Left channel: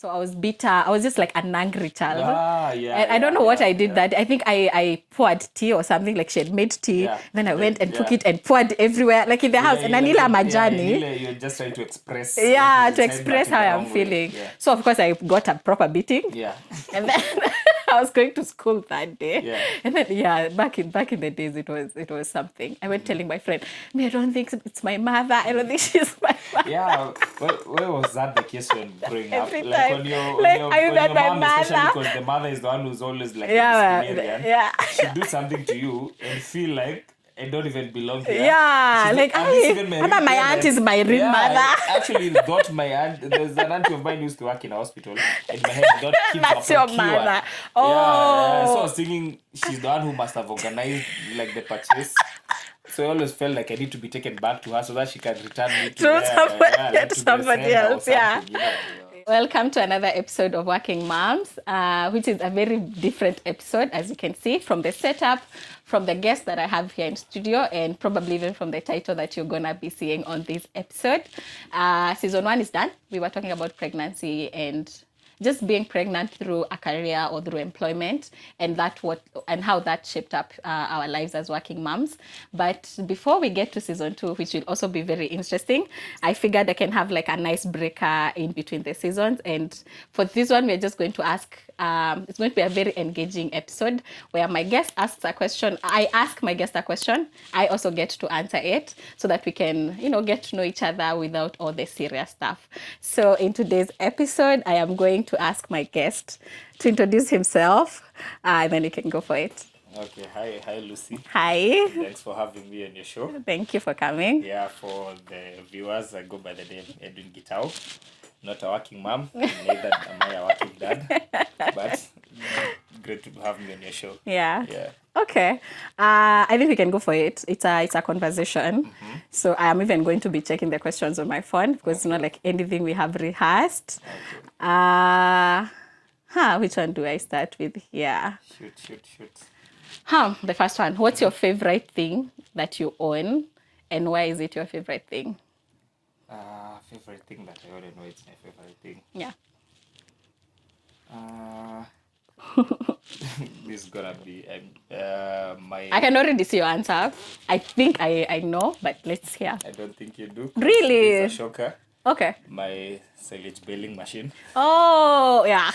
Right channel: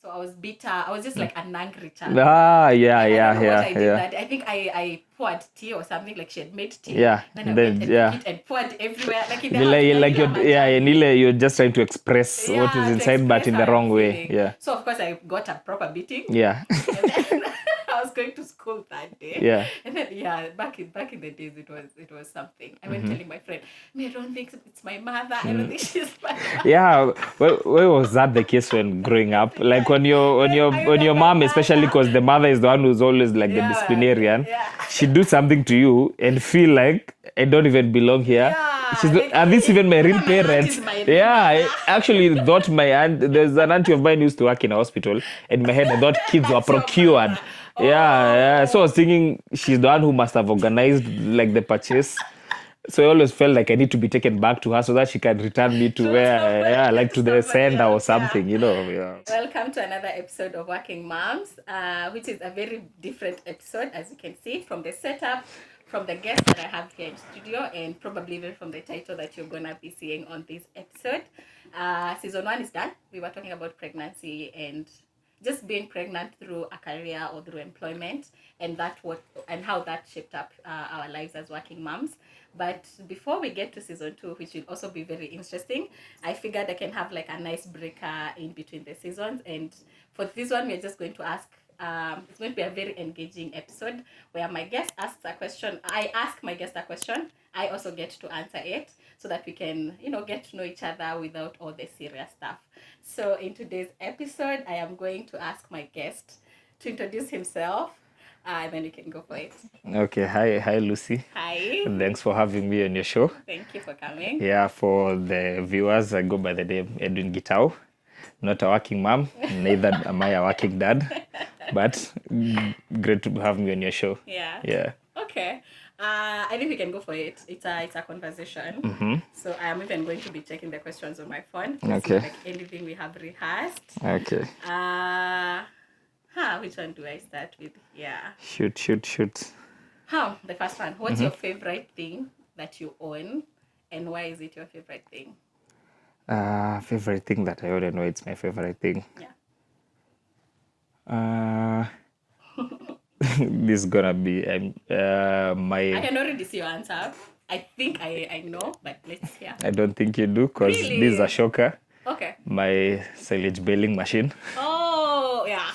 So I was bitter. I was just like an angry child. Yeah, And I don't know what I did yeah. that. I think I poured tea or something, like she had made tea. Yeah. Then I went and took it and poured everywhere, like in the house. Like, And like Anila Majani. you're just trying to express what is Yeah, to inside, but express in how the I'm wrong way. feeling. Yeah. So of course I got a proper beating. Yeah. And then I was going to school that day. Yeah. And then back in the days it was something. I went telling my friend, I don't think it's my mother. I don't think she's my mother. Yeah. Where was that the case when growing up? Every Like time. when your My mom, mother. especially because the mother is the one who's always like the disciplinarian. Yeah. She do something to you and feel like I don't even belong here. Yeah, She's like, are these even my real my aunt parents? is my real Yeah, mother. I actually thought my aunt. There's an auntie of mine who used to work in a hospital. In my head, I thought kids were That's your procured. mother. Yeah. So I Oh. was thinking she's the one who must have organized like the purchase. So I always felt like I need to be taken back to her so that she can return me to like to the somebody sender or else, yeah. something, Yeah. Welcome to another episode of Working Moms, which is a very different episode, as you can see from the setup, from the guests that I have here in studio, and probably even from the title that you're gonna be seeing on this episode. Season 1 is done. We were talking about pregnancy and just being pregnant through a career or through employment, and how that shaped up our lives as working moms. But before we get to season 2, which will also be very interesting, I figured I can have like a nice breaker in between the seasons. And for this one, we're just going to ask. It's going to be a very engaging episode where my guest asks a question. I ask my guest a question. I also get to answer it so that we can, get to know each other without all the serious stuff. So in today's episode, I am going to ask my guest to introduce himself, and then you can go for it. Okay. Hi, Lucy. Hi. Thanks for having me on your show. Thank you for coming. Yeah, for the viewers, I go by the name Edwin Gitau. Not a working mom, neither am I a working dad, but great to have me on your show. Yeah. Yeah. Okay. I think we can go for it. It's a conversation. Mm-hmm. So I am even going to be checking the questions on my phone because it's not like anything we have rehearsed. Okay. Which one do I start with here? Shoot. The first one. What's your favorite thing that you own, and why is it your favorite thing? Favorite thing that I already know it's my favorite thing. Yeah. This is gonna be my. I can already see your answer. I think I know, but let's hear. I don't think you do. Really? This is a shocker. Okay. My silage baling machine. Oh yeah.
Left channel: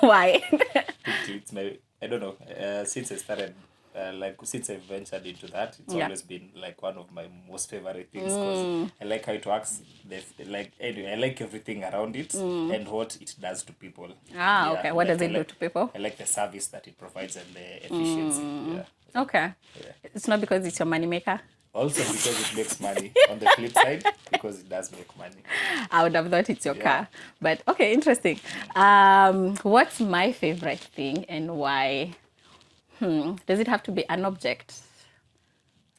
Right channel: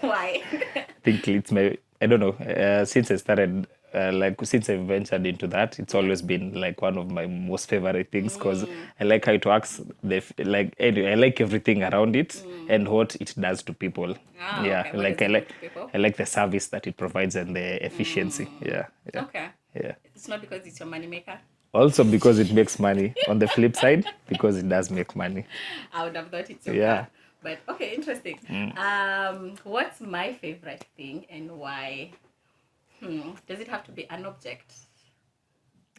Why? I think it's my. I don't know. Since I started. Since I ventured into that, it's always been like one of my most favorite things because I like how it works. I like everything around it and what it does to people. Okay. What does it do to people? I like the service that it provides and the efficiency. Yeah. Okay. Yeah. It's not because it's your money maker. Also because it makes money. On the flip side, because it does make money. I would have thought it's your car. But okay, interesting. What's my favorite thing and why? Does it have to be an object?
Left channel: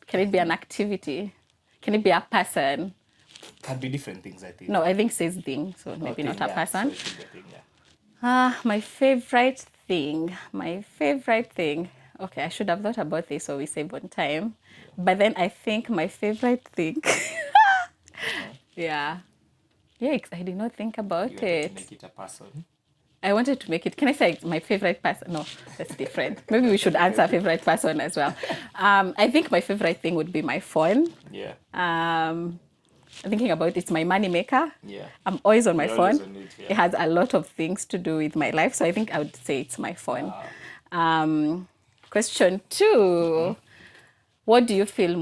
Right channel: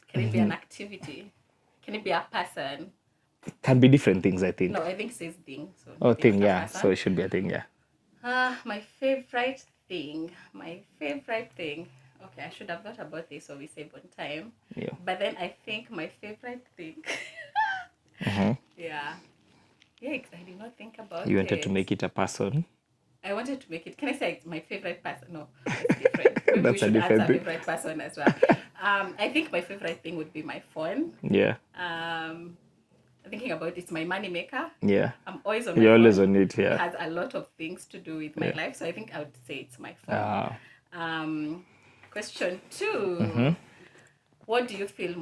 Can it be an activity? Can it be a person? Can be different things, I think. No, I think it says thing. So maybe thing, not a person. So it should be a thing, yeah. My favorite thing. Okay, I should have thought about this so we save on time. Yeah. But then I think my favorite thing. Yeah. Yeah, I did not think about it. You wanted to make it a person? I wanted to make it. Can I say my favorite person? No, that's different. Maybe we should answer favorite person as well. I think my favorite thing would be my phone. Yeah. Thinking about it's my money maker. Yeah. I'm always on my You're phone. always on it, yeah. It has a lot of things to do with my life, so I think I would say it's my phone. Question 2. What do you feel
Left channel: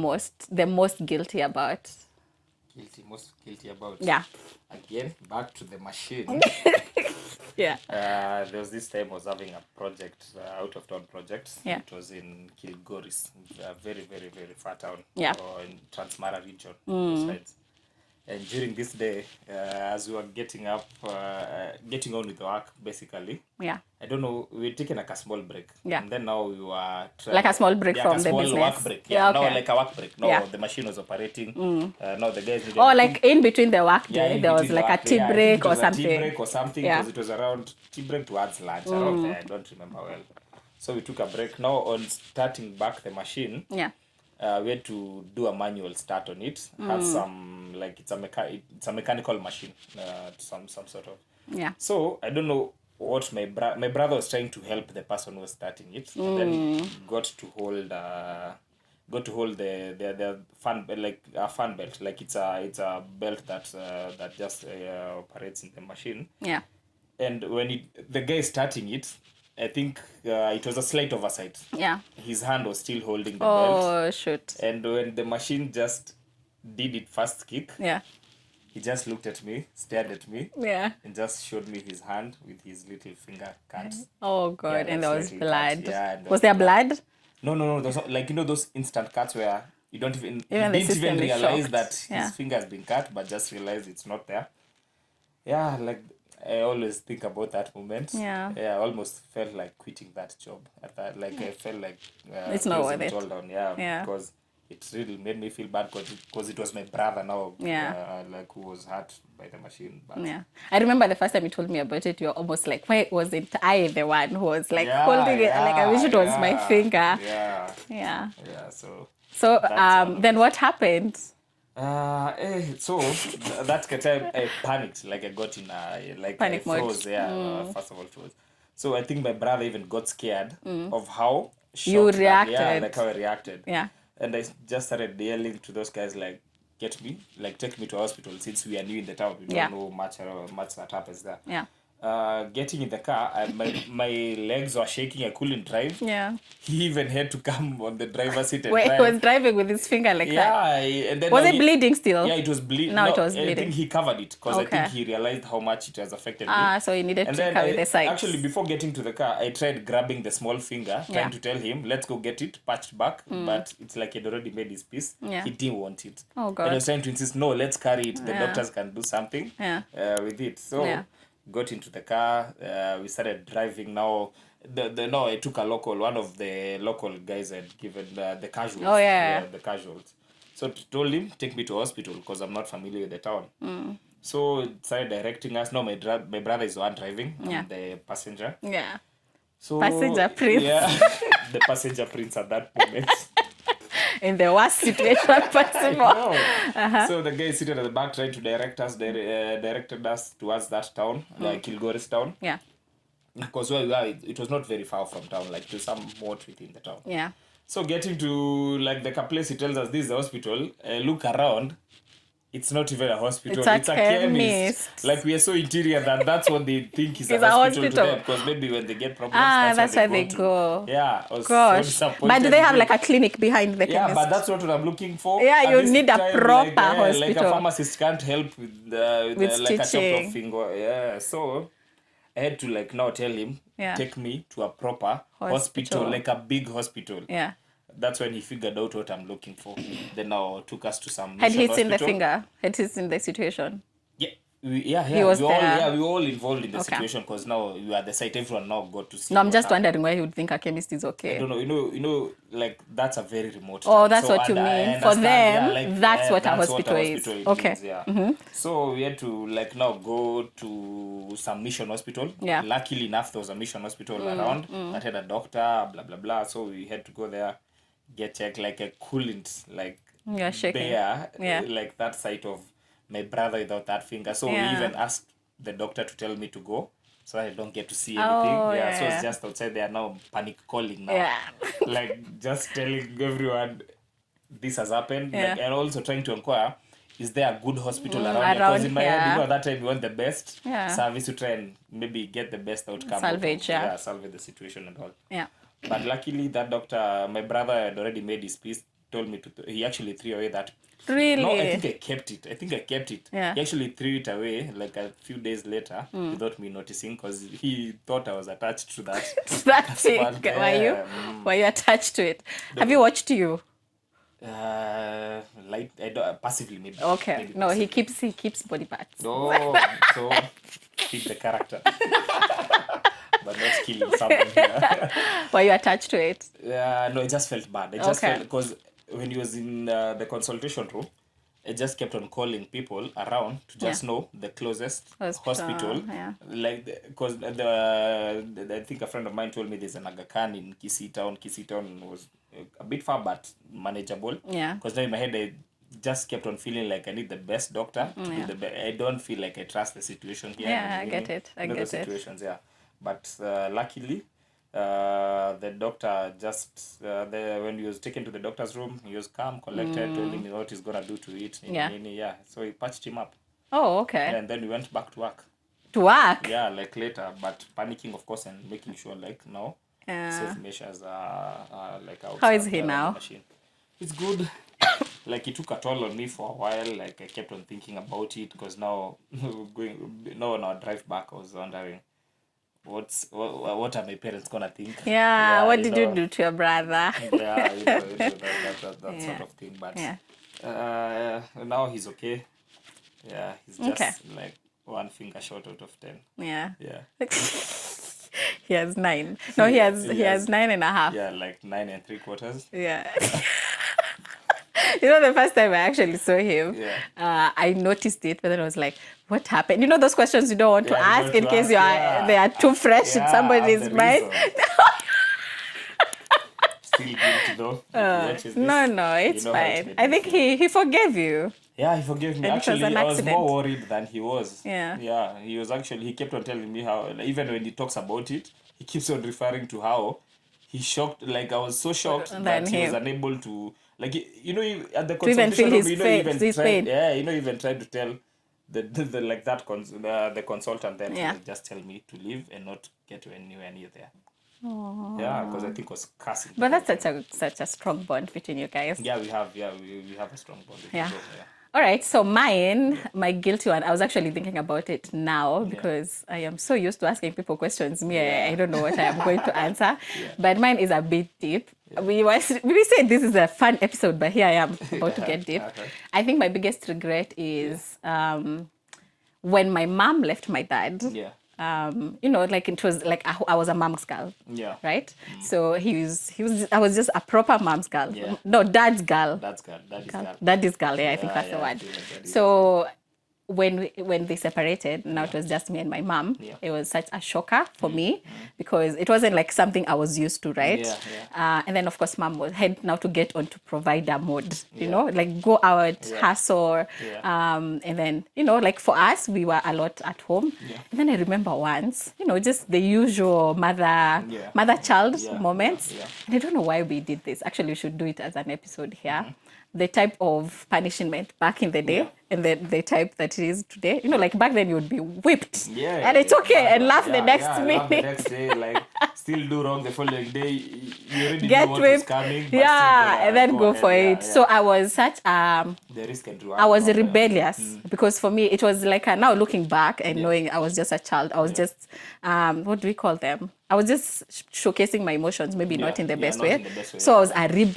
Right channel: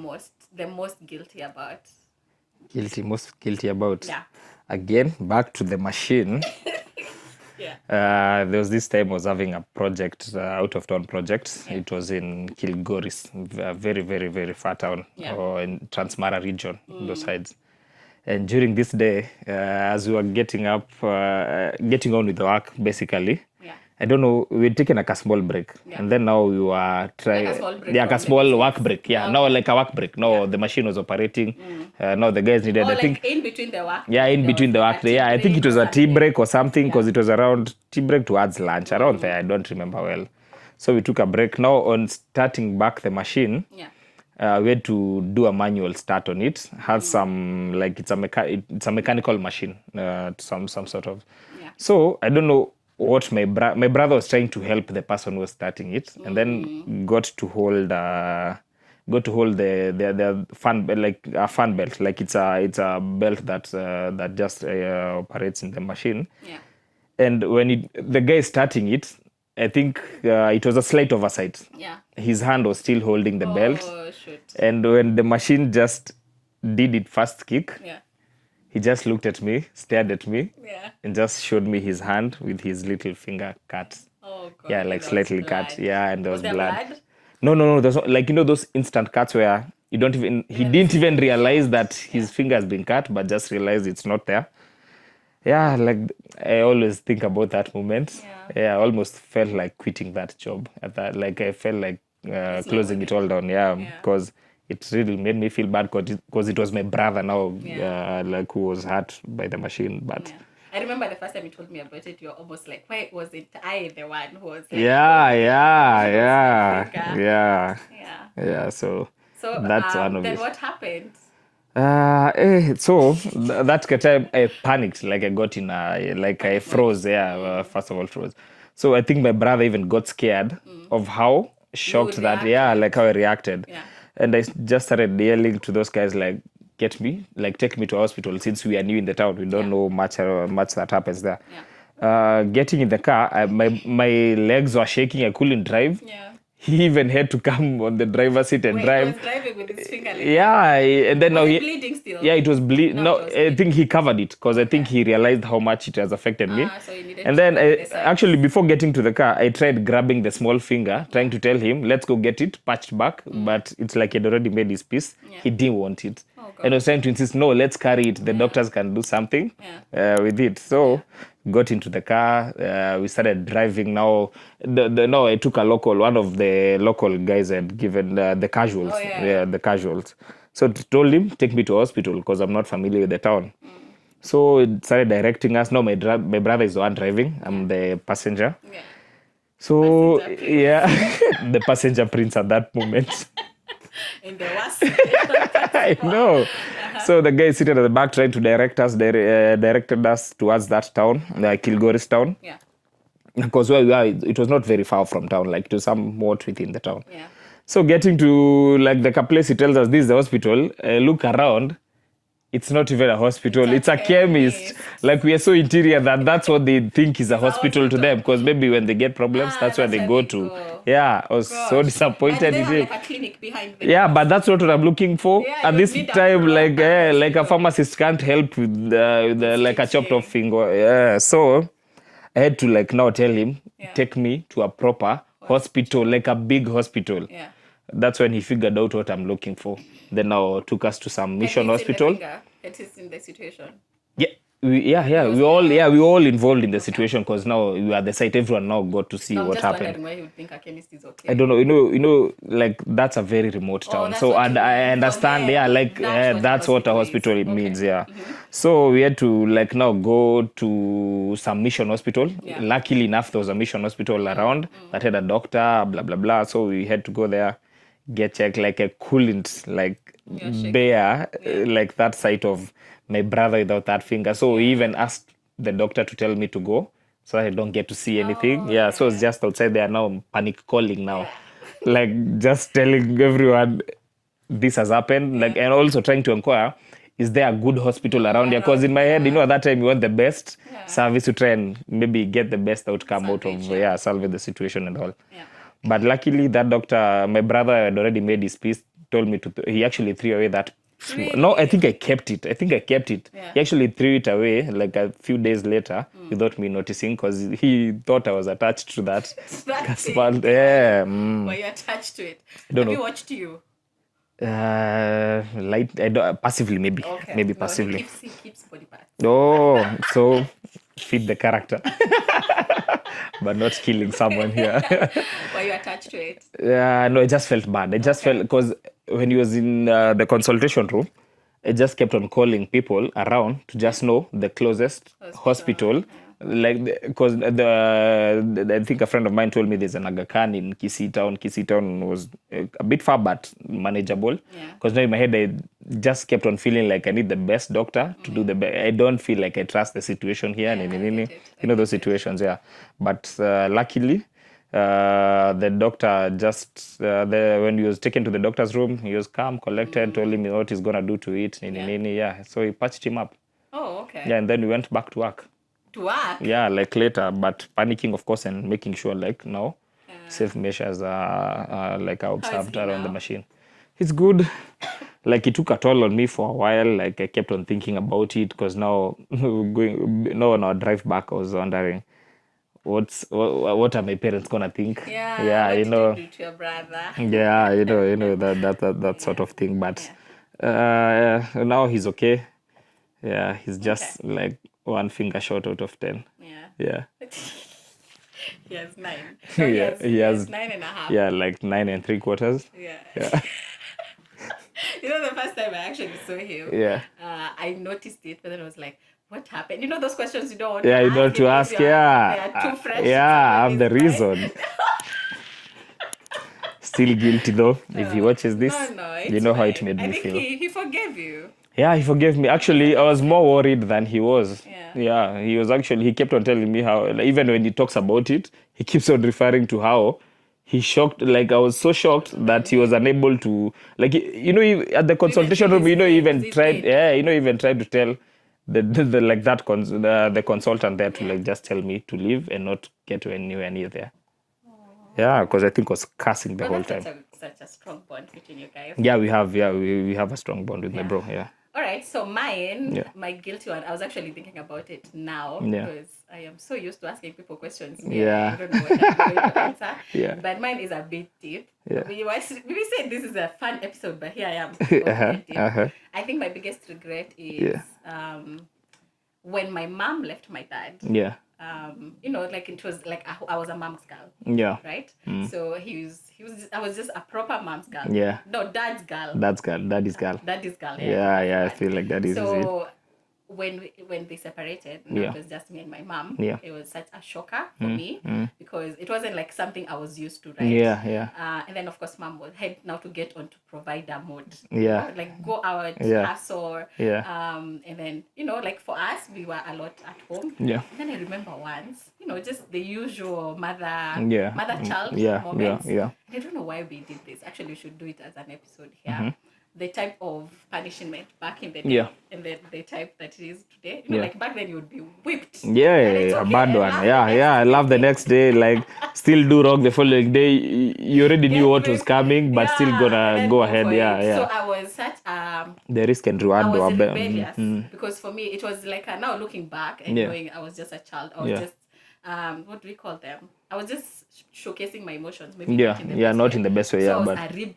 the most guilty about? Most guilty about? Yeah. Again, back to the machine. Yeah. There was this time I was having a project, out of town project. Yeah. It was in Kilgoris, a very, very, very far town, or in Transmara region, those sides. And during this day, as we were getting on with the work, basically, I don't know, we'd taken like a small break. Yeah. And then now we were trying... Like a small break like from a small the work business. break. Yeah, Now okay. like a work break. Now the machine was operating. Now the guys needed... Or like in between the work. Yeah, in between the work. Yeah, I think it was a tea break or something because it was around tea break towards lunch. Around there, I don't remember well. So we took a break. Now on starting back the machine, we had to do a manual start on it. Has some, like, it's a mechanical machine, some sort of. Yeah. So I don't know what my brother was trying to help the person who was starting it, and then got to hold the fan, like a fan belt, like it's a belt that just operates in the machine. Yeah. And when the guy starting it, I think it was a slight oversight. Yeah. His hand was still holding the belt. Oh, shoot. And when the machine just did it first kick, Yeah. he just looked at me, stared at me, Yeah. and just showed me his hand with his little finger cut. Oh, God. Yeah, like And there was slightly blood. cut. Yeah, and Was there blood? No. There's like, those instant cuts where you don't even, he the didn't system even is realize shocked. that his Yeah. finger has been cut, but just realized it's not there. Yeah, like I always think about that moment. Yeah. I almost felt like quitting that job at that. Like I felt like It's not closing worth it all it. down. Yeah. Because it really made me feel bad because it was my brother now, Yeah. like who was hurt by the machine. But Yeah. I remember the first time you told me about it, you're almost like, why wasn't I the one who was like yeah, holding it? Like, I wish it was my yeah, finger. yeah, Yeah. yeah. So So that's one of then it. what happened? That time I panicked, like I got in I Panic mode. froze. First of all froze. So I think my brother even got scared of how shocked that reacted. like how I reacted. Yeah. And I just started yelling to those guys like, get me, like take me to hospital, since we are new in the town, we don't Yeah. know much that happens there. Yeah. Getting in the car, my legs were shaking, I couldn't drive. Yeah. He even had to come on the driver's seat and Wait, he drive. was driving with his finger like that. Yeah, and then Was now it bleeding still? Yeah, it was bleeding. Now No, it was I bleeding. think he covered it because I think Okay. he realized how much it has affected me. So he needed and to then cover the sides. actually, before getting to the car, I tried grabbing the small finger, trying to tell him, let's go get it patched back. But it's like he'd already made his peace. Yeah. He didn't want it. Oh, God. And I was trying to insist, no, let's carry it. The Yeah. doctors can do something Yeah. with it. So Yeah. got into the car. We started driving. Now, I took one of the local guys had given the casuals. Oh, yeah. The casuals. So told him, take me to hospital because I'm not familiar with the town. So it started directing us. Now my brother is the one driving. I'm the passenger. Yeah. So Passenger prince. yeah, the passenger prince at that moment. In the worst situation possible. I know. So the guy seated at the back trying to directed us towards that town, like Kilgoris town. Yeah. Because where we are, it was not very far from town, like to somewhat within the town. Yeah. So getting to like the place, he tells us this is the hospital. Look around. It's not even a hospital. It's a It's a chemist. chemist. Like we are so interior that's what they think is a It's a hospital to hospital. them. Because maybe when they get problems, that's where they go to. go. Yeah, I was so Gosh. disappointed. But do they with have it. like a clinic behind the Yeah, chemist? but that's not what I'm looking for. Yeah, At you this need a time, like proper like a hospital. pharmacist can't help with like a chopped stitching. off finger. Yeah, so I had to like now tell him, Yeah. take me to a proper hospital, like a big hospital. Yeah. That's when he figured out what I'm looking for. Then now took us to some Had mission he seen the hospital. finger? Had he seen the situation? Yeah, we was all there. we all involved in the Okay. situation because now we are at the site. Everyone now got to see No, I'm what just happened. wondering why he would think a chemist is okay. I don't know. You know, like that's a very remote town. Oh, that's so what and you I mean. For understand. Yeah, them, like that's what a what a hospital hospital is. it Okay. means. Yeah. So we had to like now go to some mission hospital. Yeah. Luckily enough, there was a mission hospital around that had a doctor. Blah blah blah. So we had to go there, get checked. Like I couldn't like You're shaking. bear Yeah. like that sight of my brother without that finger. So we Yeah. even asked the doctor to tell me to go. So I don't get to see anything. Oh, Yeah, so it's yeah. just outside there now, panic calling now. Yeah. Like just telling everyone this has happened. Yeah. Like and also trying to inquire, is there a good hospital around here? Because in my head, here. at that time you want the best Yeah. service to try and maybe get the best outcome Salvage, out of yeah. salvage the situation and all. Yeah. But luckily that doctor, my brother had already made his peace, told me he actually threw away that. Really? No, I think I kept it. Yeah. He actually threw it away like a few days later without me noticing because he thought I was attached to that. That's it. But, Were yeah, you attached to it? Don't Have you know. watched you? I don't, passively maybe. Okay. Maybe No, passively. he keeps body parts. Oh, so feed the character. But not killing someone here. Were you attached to it? No, I just felt bad. I just Okay. felt because when he was in the consultation room, I just kept on calling people around to just know the closest hospital. Yeah. Like, because I think a friend of mine told me there's an Aga Khan in Kisii Town. Kisii Town was a bit far, but manageable. Yeah. Because now in my head, I just kept on feeling like I need the best doctor to do the best. I don't feel like I trust the situation here. Yeah, I get it. I You know, get those it. situations, yeah. But luckily, the doctor just when he was taken to the doctor's room, he was calm, collected, told him what he's gonna do to it. Yeah. So he patched him up. Oh, okay. Yeah, and then we went back to work. To work? Yeah, like later, but panicking, of course, and making sure like now Yeah. safe measures are like are How is observed he around now? the machine. It's good. Like it took a toll on me for a while. Like I kept on thinking about it because now on our drive back, I was wondering what are my parents gonna think? Yeah. What did you do to your brother? Yeah, that sort of thing. But now he's okay. Yeah, he's just like one finger short out of 10. Yeah. Yeah. He has 9. No, he has 9.5. Yeah, like 9 3/4. Yeah. You know, the first time I actually saw him, Yeah. I noticed it, but then I was like, what happened? You know those questions you don't want to Yeah, you ask don't in to case ask, they yeah. are too fresh in Yeah, somebody's I'm the mind. reason. Still guilty though. If he watches this, No, it's you know fine. how it made I me think feel. he forgave you. Yeah, he forgave me. It was Actually, an I was accident. more worried than he was. Yeah. Yeah, he was actually, he kept on telling me how, like, even when he talks about it, he keeps on referring to how he shocked, like, I was so shocked that he was him. unable to, like, you know, at the consultation feel room, his you know, pain, even his tried, pain. yeah, you know, even tried to tell the like that, the consultant there to, Yeah. like, just tell me to leave and not get anywhere near there. Yeah, because I think I was cursing the But whole that's time. such a strong bond between you guys. Yeah, we have a strong bond with my Yeah. bro, yeah. All right, so mine, Yeah. my guilty one, I was actually thinking about it now Yeah. because I am so used to asking people questions. Yeah. I don't know what I'm going to answer. Yeah. But mine is a bit deep. Yeah. We said this is a fun episode, but here I am about to get deep. Uh-huh. I think my biggest regret is when my mom left my dad. Yeah. You know, like it was like I was a mom's girl. Yeah. Right? So I was just a proper mom's girl. Yeah. No, dad's girl. Daddy's girl. Daddy's girl, yeah. Yeah, I think I that's the feel word. like that is So when they separated, now Yeah. it was just me and my mom. Yeah. It was such a shocker for me because it wasn't like something I was used to, right? Yeah. And then of course, mom had now to get onto provider mode. You Yeah. know, like go out, Yeah. hustle. Yeah. And then like for us, we were a lot at home. Yeah. And then I remember once, just the usual Yeah. mother-child Yeah. moments. Yeah. And I don't know why we did this. Actually, we should do it as an episode here. The type of punishment back in the day Yeah. and the type that it is today. Like back then you would be whipped. Yeah, And it's okay bad and one. laugh the Yeah, next I love the week. next day. Like, still do wrong the following day. You already Get knew what was whipped. coming, but Yeah, still and gonna then go ahead. for Yeah, it. yeah. So I was such The risk and reward. I was were better. rebellious because for me it was like now looking back and Yeah. knowing I was just a child. I was Yeah. just what do we call them? I was just showcasing my emotions, maybe Yeah, not in the yeah, best not way. in the best way, So yeah, I was but- a rebel.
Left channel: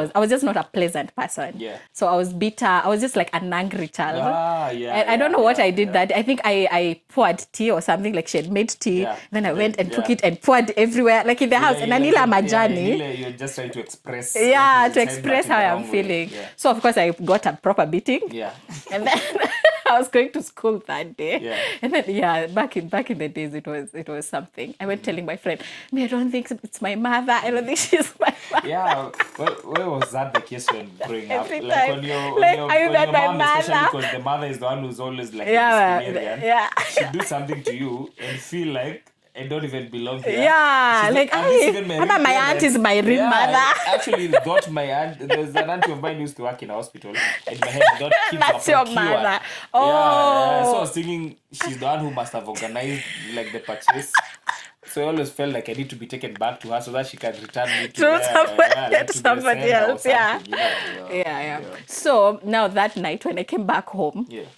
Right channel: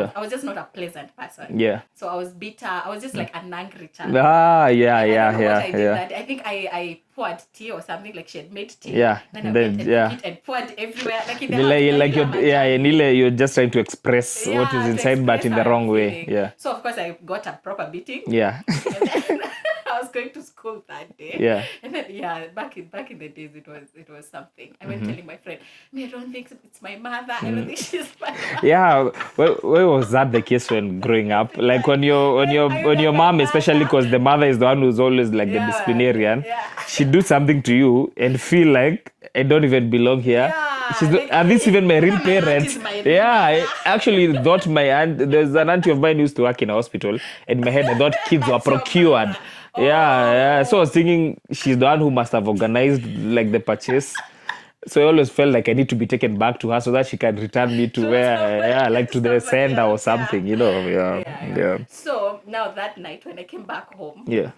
Yeah. I was just not a pleasant person. Yeah. So I was bitter. I was just like an angry child. Ah, yeah, And yeah. I don't know what yeah, I did yeah. that. I think I poured tea or something, like she had made tea. Yeah. Then I Then- went and yeah. took it and poured everywhere, like in the Like- house. And like Anila yeah, Majani. Nile, you're just trying to express what Yeah, is to inside, but express in how the I'm wrong way. feeling. Yeah. So of course I got a proper beating. Yeah. And then I was going to school that day. Yeah. And then back in the days it was something. I went telling my friend, I don't think it's my mother. I don't think she's my mother. Yeah, where was that the case when growing up? Every Like time. when your Like, are you your not my mom, especially mother? because the mother is the one who's always like Yeah, the disciplinarian. yeah. She do something to you and feel like I don't even belong here. Yeah, She's like, are these "Hey, even my real Mama, my aunt parents? is my real yeah, mother." I actually thought my aunt. There's an auntie of mine who used to work in a hospital. In my head, I thought kids were That's your procured. mother. Yeah. So I Oh. was thinking she's the one who must have organized like the purchase. So I always felt like I need to be taken back to her so that she can return me to where, like to the somebody sender or else, yeah. something, Yeah. So now that night when I came back home, Yeah.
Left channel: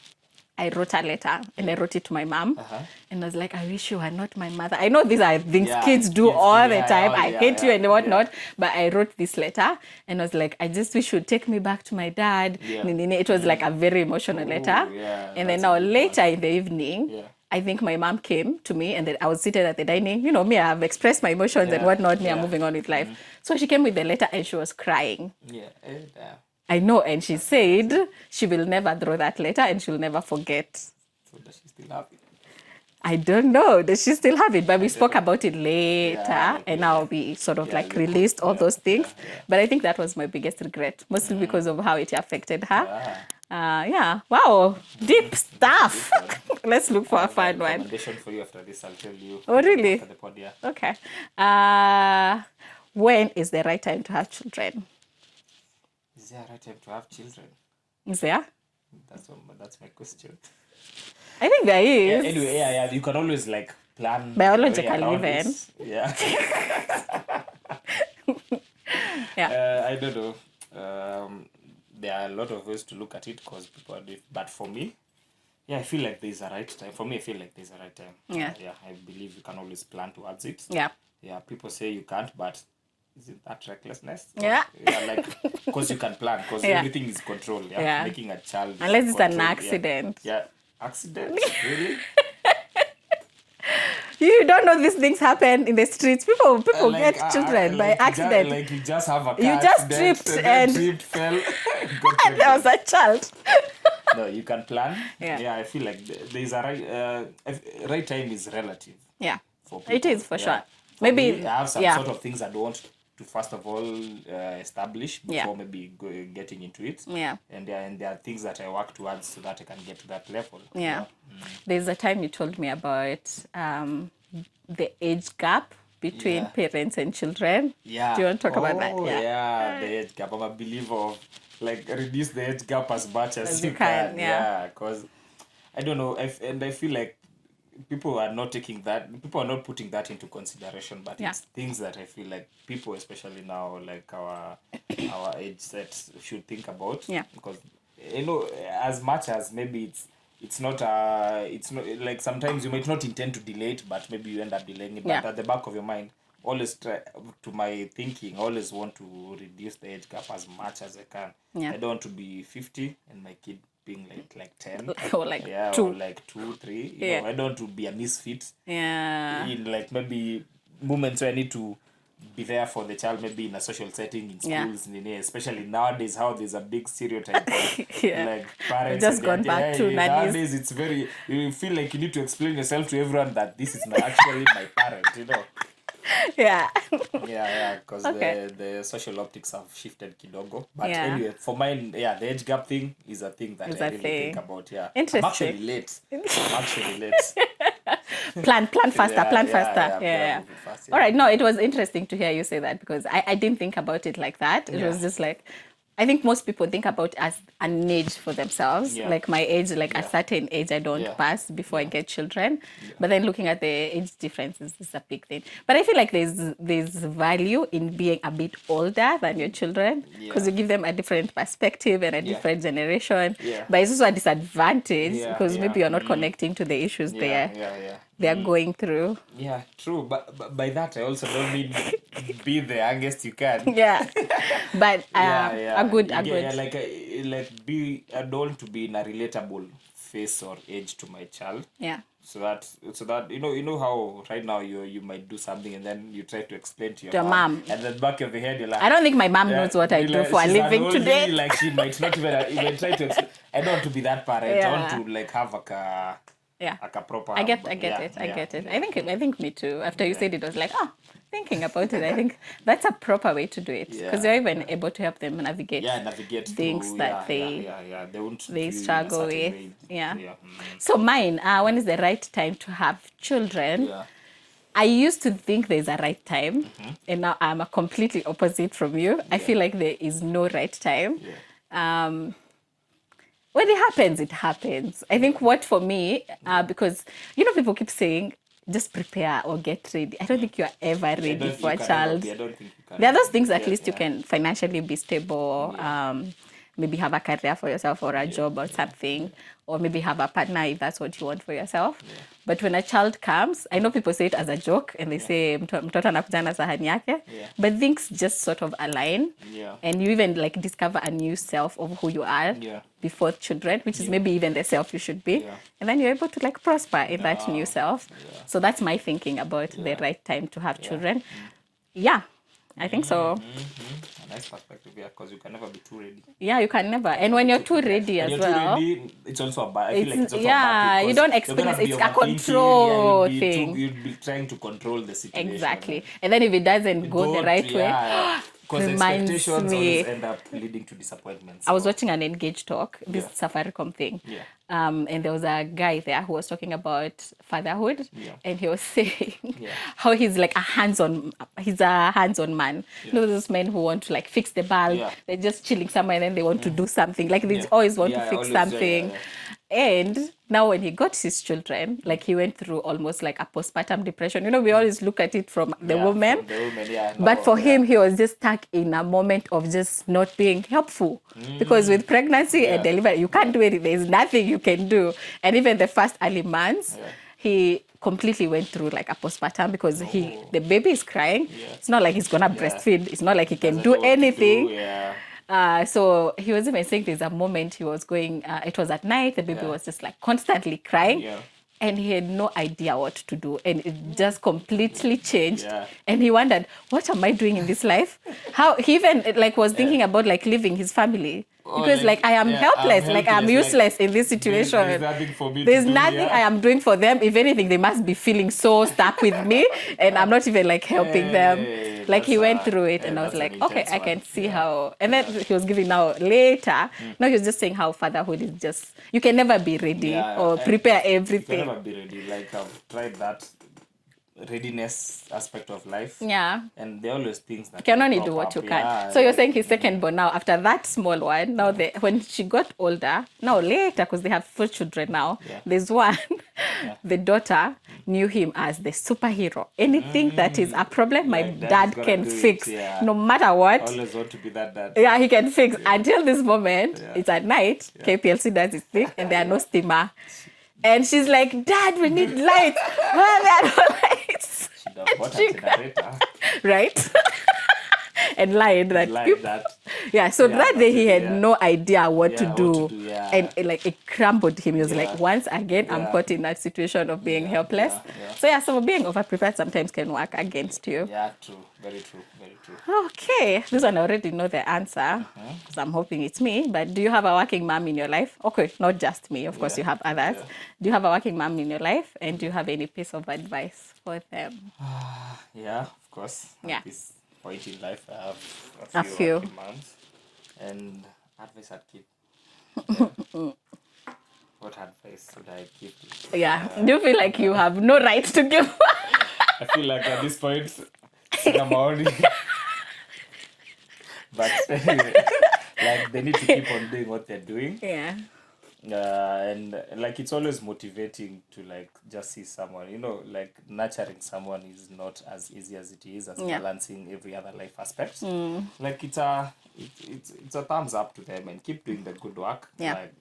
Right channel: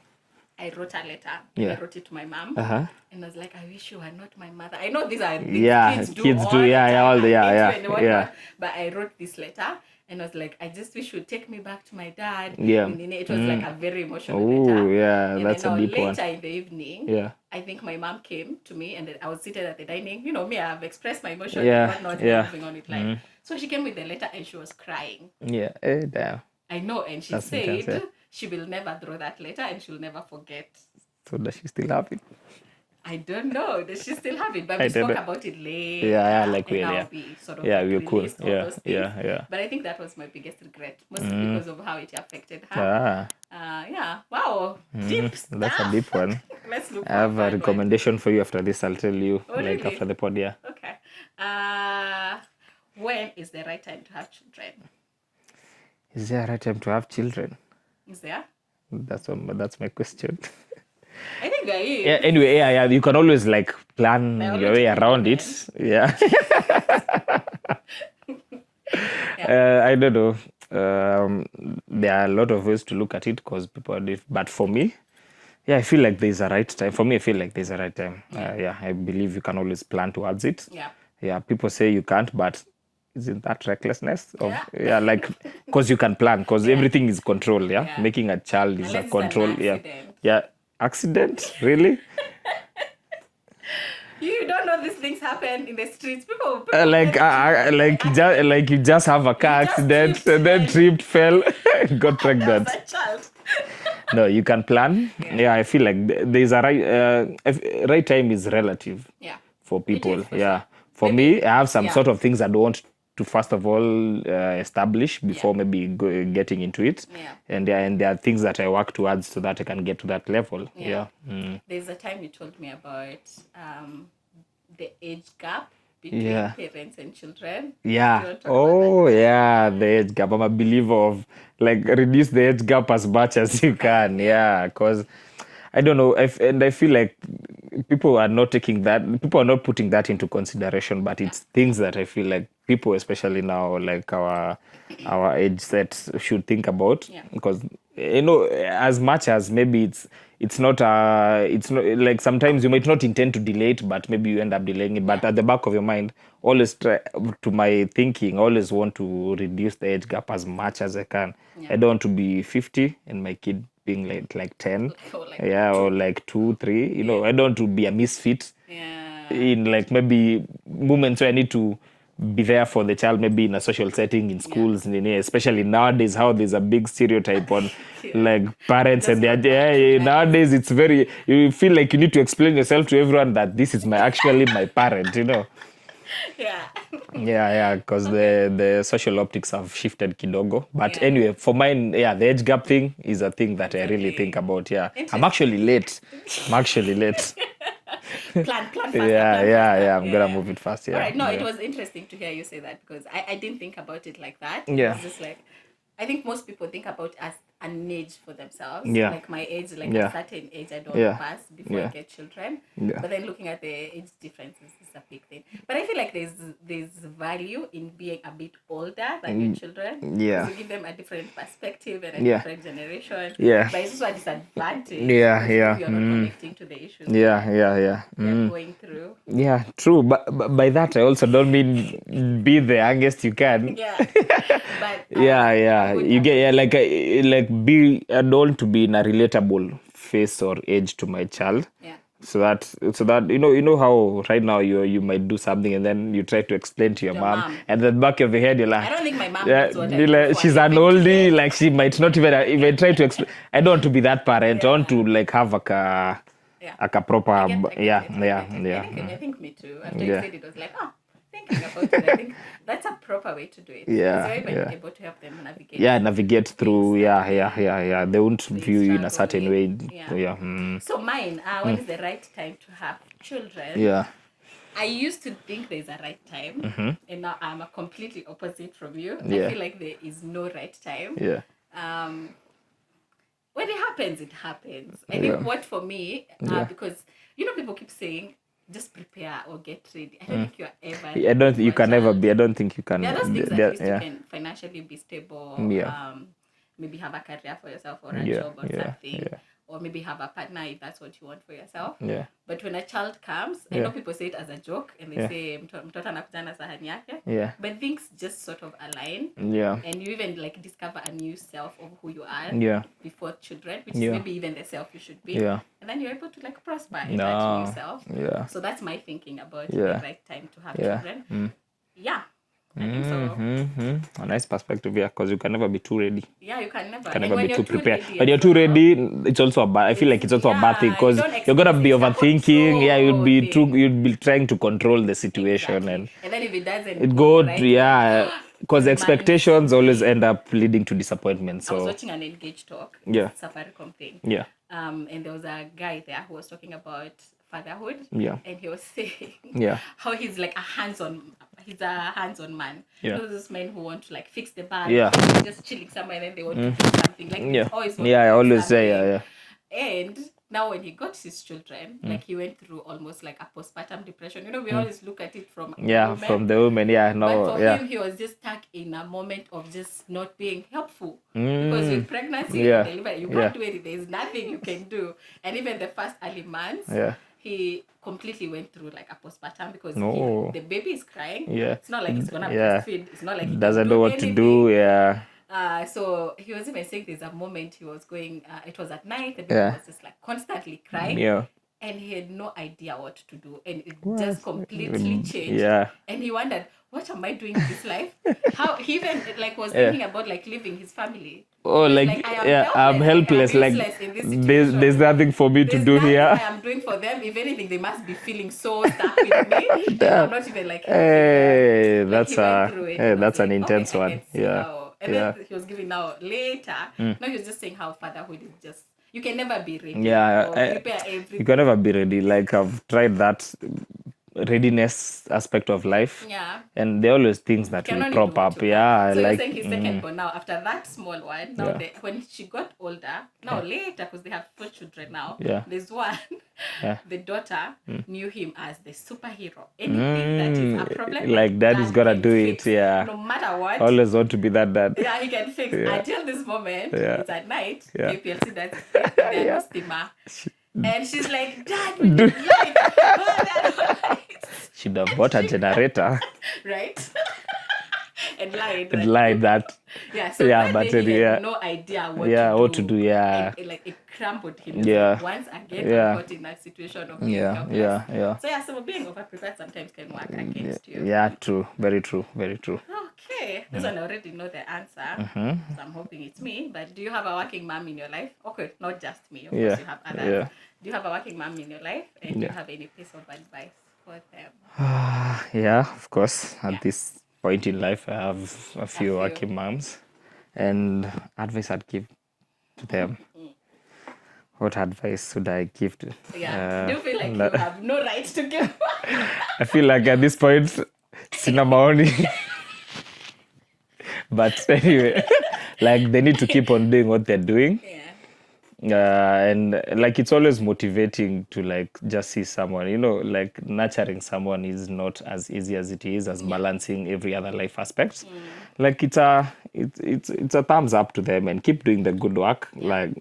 I wrote a letter and I wrote it to my mom. Uh-huh. And I was like, I wish you were not my mother. I know these are things Yeah, kids do kids all do, the yeah, time. all the- yeah, I hate you yeah, and whatnot. yeah. But I wrote this letter and I was like, I just wish you'd take me back to my dad. Yeah. And it was like a very emotional Ooh, letter. yeah, And then that's a now deep later in the evening, Yeah. I think my mom came to me and then I was seated at the dining. You know, me, I've expressed my emotions Yeah, and whatnot. yeah. I'm moving on with life. So she came with the letter and she was crying. Yeah. Damn. I know, and she That's intense, said yeah. she will never throw that letter and she'll never forget. So does she still have it? I don't know. Does she still have it? But we I don't spoke know. about it later, Yeah, like and we, now yeah. we sort of Yeah, like we're cool. released all Yeah, those things. yeah. But I think that was my biggest regret, mostly because of how it affected her. Ah, Yeah. Wow. Deep that's a deep stuff. one. Let's look I for a have a fun one. recommendation for you after this. I'll tell you Oh, like really? after the pod. Yeah. Okay. When is the right time to have children? Is there a right time to have children? Is there? That's my question. I think there is. Yeah. Anyway, yeah. You can always like plan your Biology way can around even. it. Yeah. Yeah. I don't know. There are a lot of ways to look at it because people are different. But for me, yeah, I feel like there's a right time. For me, I feel like there's a right time. Yeah. I believe you can always plan towards it. Yeah. Yeah, people say you can't, but isn't that recklessness? Yeah. Yeah, like, because you can plan, because Yeah. everything is control, yeah? Yeah. Making a child is Unless a it's an control. accident. Yeah. Accident? Really? You don't know these things happen in the streets. People Like, get children by accident. like you just have a car You just accident, tripped and then and- tripped, fell, got There was pregnant. a child. No, you can plan. Yeah. I feel like there's a right time is relative Yeah. for people. It is, for yeah. sure. For Maybe- me, I have some yeah. sort of things I don't want to first of all establish before Yeah. maybe getting into it. Yeah. And there are things that I work towards so that I can get to that level. Yeah. There's a time you told me about the age gap between Yeah. parents and children. Yeah. Do you want to talk about that? Oh, yeah, the age gap. I'm a believer of like reduce the age gap as much as you can. yeah. Yeah, because I don't know, and I feel like people are not putting that into consideration, but it's things that I feel like people, especially now, like our age sets, should think about. Yeah. Because as much as maybe it's not like sometimes you might not intend to delay it, but maybe you end up delaying it. But Yeah. at the back of your mind, always try, to my thinking, always want to reduce the age gap as much as I can. Yeah. I don't want to be 50 and my kid being like 10. Or like Yeah, 2. or like 2, 3. You know, Yeah. I don't want to be a misfit Yeah. in like maybe moments where I need to be there for the child, maybe in a social setting, in schools, especially nowadays, how there's a big stereotype on Yeah. like parents Just and their got back to nowadays it's very, you feel like you need to explain yourself to everyone that this is actually my parent, you know. Yeah. Because Okay. the social optics have shifted kidogo. But Yeah. anyway, for mine, the age gap thing is a thing that Is I a really thing. think about. Yeah, Interesting. I'm actually late. Plan faster, Yeah, plan yeah, faster. yeah, I'm gonna move it fast, yeah. All right, no, it Yeah. was interesting to hear you say that because I didn't think about it like that. It Yeah. was just like, I think most people think about as an age for themselves. Yeah. Like my age, like Yeah. a certain age I don't Yeah. pass before I Yeah. get children. Yeah. But then looking at the age differences is a big thing. But I feel like there's value in being a bit older than your children. Yeah. Because you give them a different perspective and a Yeah. different generation. Yeah. But it's also a disadvantage Yeah, because yeah. maybe you're not connecting to the issues Yeah. they're going through. Yeah, true. But by that, I also don't mean be the youngest you can. Yeah. But Yeah. a good, You a get good- like be I don't want to be in a relatable face or age to my child. Yeah. So that you know how right now you might do something and then you try to explain to your To your mom, mom. and at the back of your head you're like, I don't think my mom knows what I you're do like, for a she's an living oldie, today. like she might not even try to explain. I don't want to be that parent. I want Yeah. to like have a proper I get it. I yeah. get it. I think me too. After you Yeah. said it, I was like, thinking about it, I think that's a proper way to do it. Yeah, Because you're even yeah. able to help them navigate. navigate through. that They won't they view you in a struggle certain way. with. Yeah. Yeah. So mine, when is the right time to have children? Yeah. I used to think there's a right time, and now I'm a completely opposite from you. I Yeah. feel like there is no right time. Yeah. When it happens, it happens. I think what for me, because people keep saying just prepare or get ready. I don't think you're ever ready. I don't. for You a can never child. be. I don't think you can. There are those things at there- least yeah. you can financially be stable. Yeah. Maybe have a career for yourself or a Yeah, job or yeah, something, yeah. or maybe have a partner if that's what you want for yourself. Yeah. But when a child comes, I know people say it as a joke and they Yeah. say mtoto anakuja na sahani yake. Yeah. But things just sort of align. Yeah. And you even like discover a new self of who you are Yeah. before children, which is Yeah. maybe even the self you should be. Yeah. And then you're able to like prosper in that new self. Yeah. So that's my thinking about the Yeah. right time to have Yeah. children. Yeah. I think so. A nice perspective, yeah, because you can never be too ready. Yeah, you can never. Can And never when be you're too prepared. ready When as you're too well, ready, it's also a bad. I feel like it's also a bad thing you because don't you're gonna experience be it's a overthinking. Yeah, control thing. you'd be trying to control the situation, Exactly. And then if it doesn't it go the right yeah, way, because reminds expectations always me. end up leading to disappointment. So I was watching an Engage talk, this yeah, Safaricom thing. yeah, And there was a guy there who was talking about fatherhood. Yeah. And he was saying Yeah. how he's like he's a hands-on man. Yeah. You know those men who want to like fix the bulb, Yeah. they're just chilling somewhere and then they want to do something. Like they Yeah. always want Yeah, I to fix always something. say, yeah. And now when he got his children, like he went through almost like a postpartum depression. You know, we always look at it from the woman. From the woman, yeah. No, But for yeah. him, he was just stuck in a moment of just not being helpful. Because with pregnancy and delivery, you can't do anything. There's nothing you can do. And even the first early months, he completely went through like a postpartum because the baby is crying. Yeah. It's not like he's going to breastfeed. It's not like he Doesn't can know do what anything. to do, yeah. So he was even saying there's a moment he was going, it was at night, the baby was just like constantly crying. Yeah. And he had no idea what to do. And it just completely changed. Yeah. And he wondered, what am I doing in this life? How he even like was thinking about like leaving his family. Because like I am helpless, like I'm useless in this situation. There's nothing for me to do here. There's nothing I am doing for them. If anything, they must be feeling so stuck with me. And I'm not even like helping them. Like he went through it. And I was like, okay, I can see how. And then he was giving now later. Now he was just saying how fatherhood is just, you can never be ready or prepare everything. You can never be ready. Like I've tried that readiness aspect of life. Yeah. And there are always things that can will only crop do what up. you can. Yeah. So you're saying his second born now, after that small one, now when she got older, now later, because they have 4 children now, there's one, the daughter knew him as the superhero. Anything that is a problem, my like dad gonna can do fix. It, yeah. No matter what. Always want to be that dad. Yeah, he can fix. Until this moment, it's at night, KPLC does its thing, and there are no steamer. And she's like, Dad, we need lights. Why are there no lights? She'd have bought a generator. Right? And lied that. Yeah, so that day he had no idea what to do. And like it crumbled him. He was like, once again, I'm caught in that situation of being helpless. So being overprepared sometimes can work against you. Yeah, true. Very true. Very true. Okay. This one I already know the answer. So I'm hoping it's me. But do you have a working mom in your life? Okay, not just me. Of course, you have others. Do you have a working mom in your life? And do you have any piece of advice for them? Yeah, of course. At this point in life, I have a few working moms, and advice I'd give them. What advice would I give to? Do you feel like you have no right to give? I feel like at this point, sina maoni. But anyway, like they need to keep on doing what they're doing. And like it's always motivating to like just see someone, you know, like nurturing someone is not as easy as it is as balancing every other life aspect. Like it's a thumbs up to them, and keep doing the good work. Like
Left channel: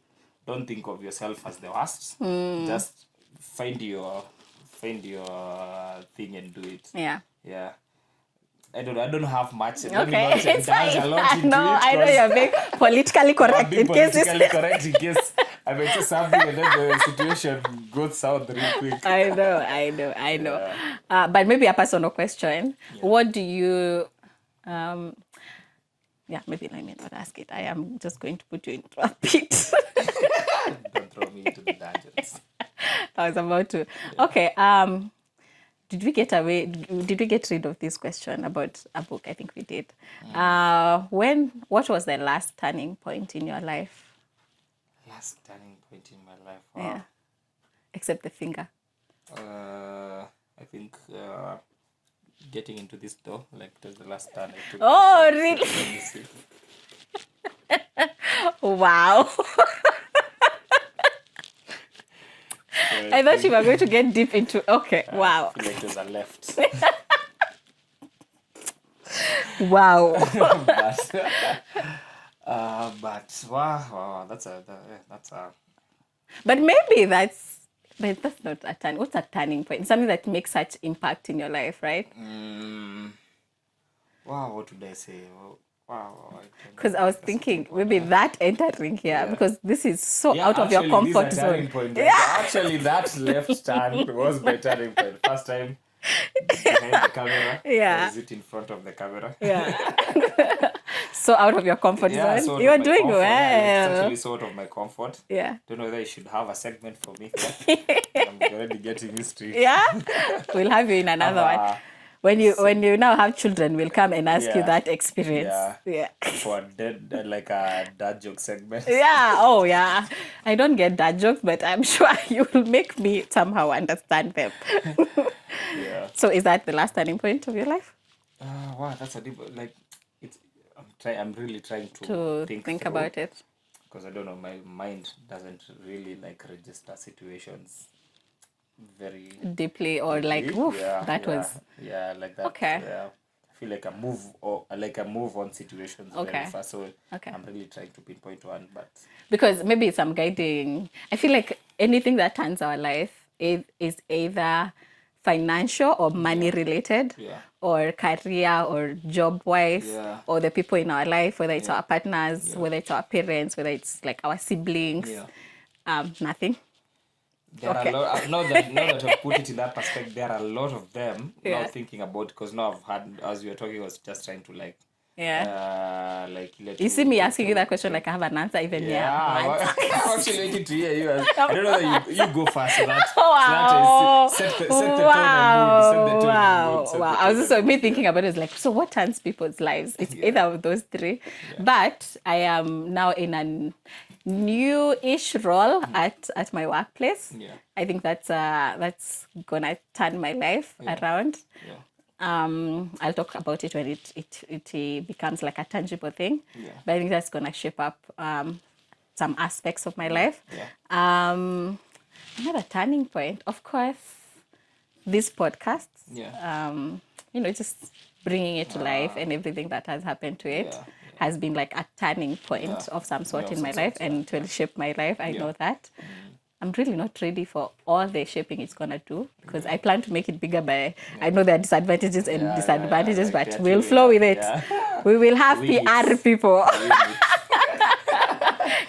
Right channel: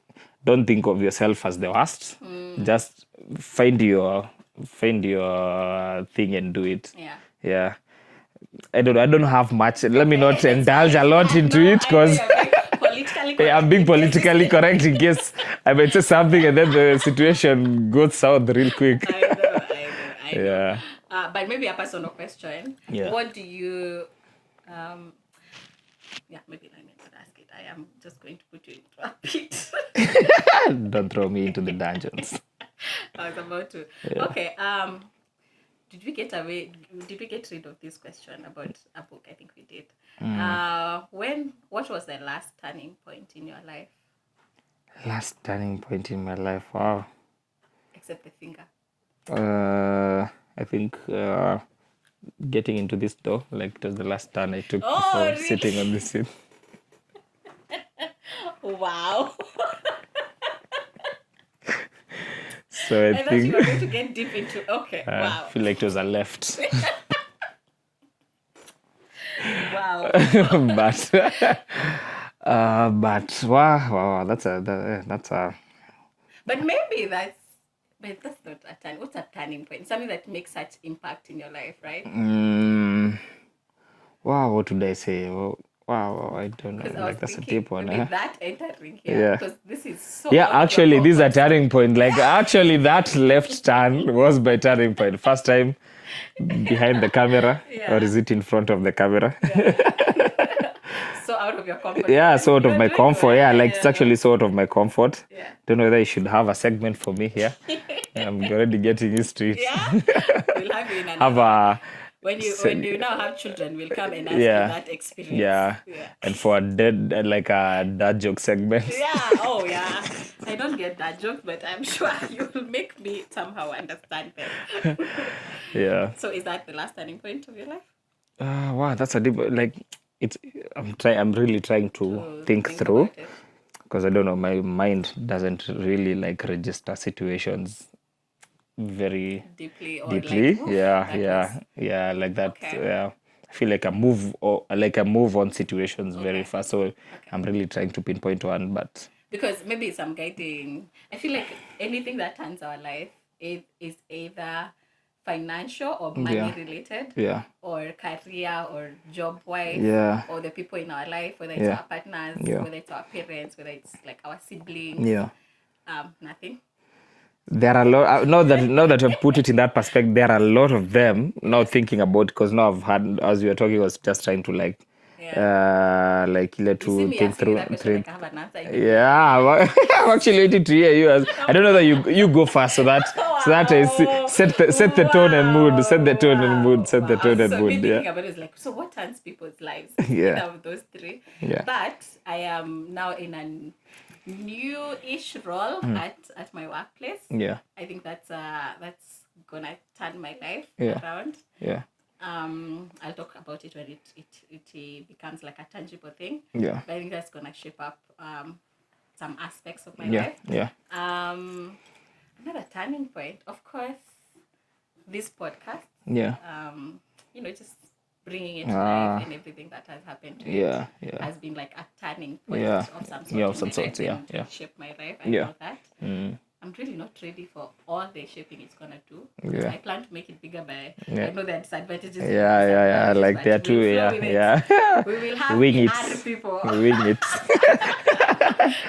don't think of yourself as the worst. Just find your thing and do it. I don't have much. Let me not indulge a lot into it because politically correct. I'm being politically correct in case I might say something and then the situation goes south real quick. I know. But maybe a personal question. What do you maybe let me not ask it. I am just going to put you into a pit. Don't throw me into the dungeons. I was about to. Okay. Did we get rid of this question about a book? I think we did. What was the last turning point in your life? Last turning point in my life? Wow. Except the finger. I think getting into this door, like it was the last turn I took really? sitting on the seat. Wow. So I thought you were going to get deep into. Okay, wow. I feel like it was a left. Wow. But wow, that's a. But maybe that's not a turn. What's a turning point? Something that makes such impact in your life, right? Wow, what would I say? Wow, I don't know. Because I was Like, that's a thinking deep one, maybe huh? that entering here, Yeah. because this is so Yeah, out of your actually, this is a comfort zone. turning point. Like, actually, that left turn was my turning point. First time behind the camera, Yeah. or is it in front of the camera? Yeah. So out of your comfort Yeah, zone. sort of You're my doing comfort. Yeah, like it's well. actually sort of my comfort. Yeah. Don't know whether you should have a segment for me here. I'm already getting used to it. Yeah. We'll have you in Have another one. a When you now have children, we'll come and ask you Yeah. that experience. yeah, Yeah. and for a like a dad joke segment. Yeah. Oh, yeah. I don't get that joke, but I'm sure you will make me somehow understand them. Yeah. So is that the last turning point of your life? Wow, that's a deep like it's. I'm really trying to To think think through. about it. Because I don't know, my mind doesn't really like register situations very Deeply or deeply. like, oof, Yeah, that yeah, was yeah, like that. okay. Yeah, I feel like I move on situations very Okay. fast. So Okay. I'm really trying to pinpoint one, but Because maybe some guiding. I feel like anything that turns our life is either financial or money Yeah. related, Yeah. or career or job wise, Yeah. or the people in our life, whether it's Yeah. our partners, Yeah. whether it's our parents, whether it's like our siblings. Yeah. Nothing. there are a lot. Now that I've put it in that perspective, there are a lot of them. Now thinking about, because now I've had, as we were talking, I was just trying to like, like let You to see me think asking you through- that question think- like I have an answer even Yeah, there. I'm actually waiting to hear you. I don't know that you go first, so that I set the tone and mood, set the tone and mood, set the I tone was and also mood. thinking about it, it's like, so what turns people's lives? It's Yeah. either of those three. Yeah. But I am now in a new-ish role at my workplace. Yeah, I think that's gonna turn my life Yeah. around. yeah, I'll talk about it when it becomes like a tangible thing. yeah, But I think that's gonna shape up some aspects of my yeah, life. yeah, Another turning point, of course, this podcast. yeah, Just bringing it to life and everything that has happened to it Yeah, yeah. has been like a turning point Yeah. of some sort Yeah, of in some my sort, life yeah, and to yeah. shape my life. I Yeah. know that. I'm really not ready for all the shaping it's gonna do, because Yeah. I plan to make it bigger, but Yeah. I know there are disadvantages and Yeah, disadvantages, like but there we'll too, flow yeah, with it. yeah. We will have Wing PR it. people Wing it.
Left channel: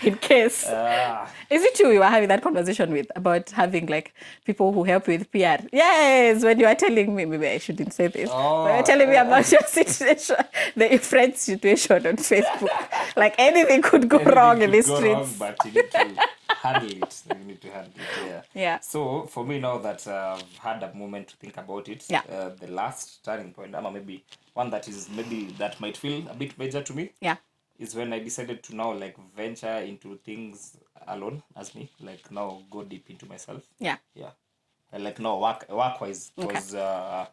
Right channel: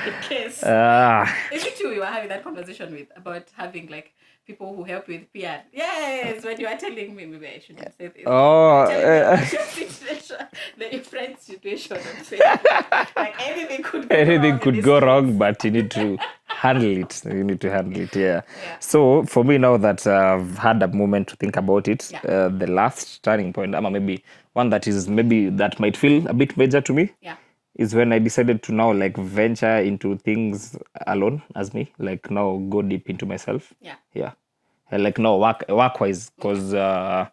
in case. Is it true we were having that conversation with about having like people who help with PR? Yes, when you were telling me, maybe I shouldn't say this. When you were telling me about your situation, the friend situation on Facebook. Like anything could go wrong in Anything could these go streets. wrong, but you need to handle it. You need to handle it, yeah. Yeah. So for me, now that I've had a moment to think about it, Yeah. the last turning point, maybe one that might feel a bit major to me, Yeah. is when I decided to now like venture into things alone as me, like now go deep into myself. Yeah. Yeah. And like no work-wise, because I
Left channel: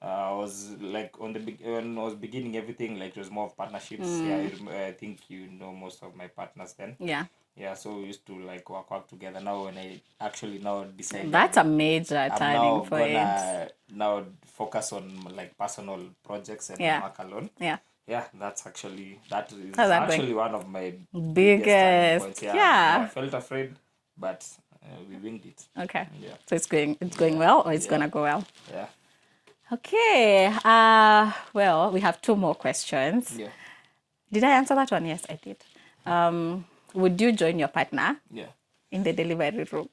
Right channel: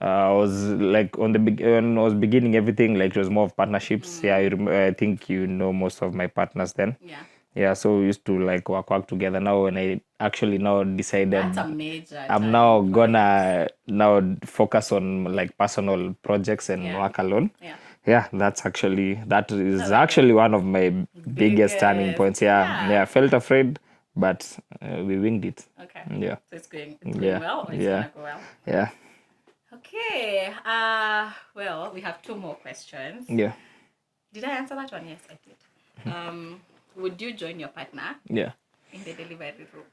was like when I was beginning everything, like it was more of partnerships. Yeah, I think you know most of my partners then. Yeah. Yeah, so we used to like work together. Now when I actually now decided That's a major I'm turning now point. gonna now focus on like personal projects and Yeah. work alone. Yeah. Yeah, that is That's actually one of my biggest turning Biggest, points. yeah. Yeah, I felt afraid, but we winged it. Okay. Yeah. So it's going Yeah. well, or it's Yeah. gonna go well. Yeah, Okay. Well, we have 2 more questions. yeah, Did I answer that one? Yes, I did. Would you join your partner yeah. in the delivery room?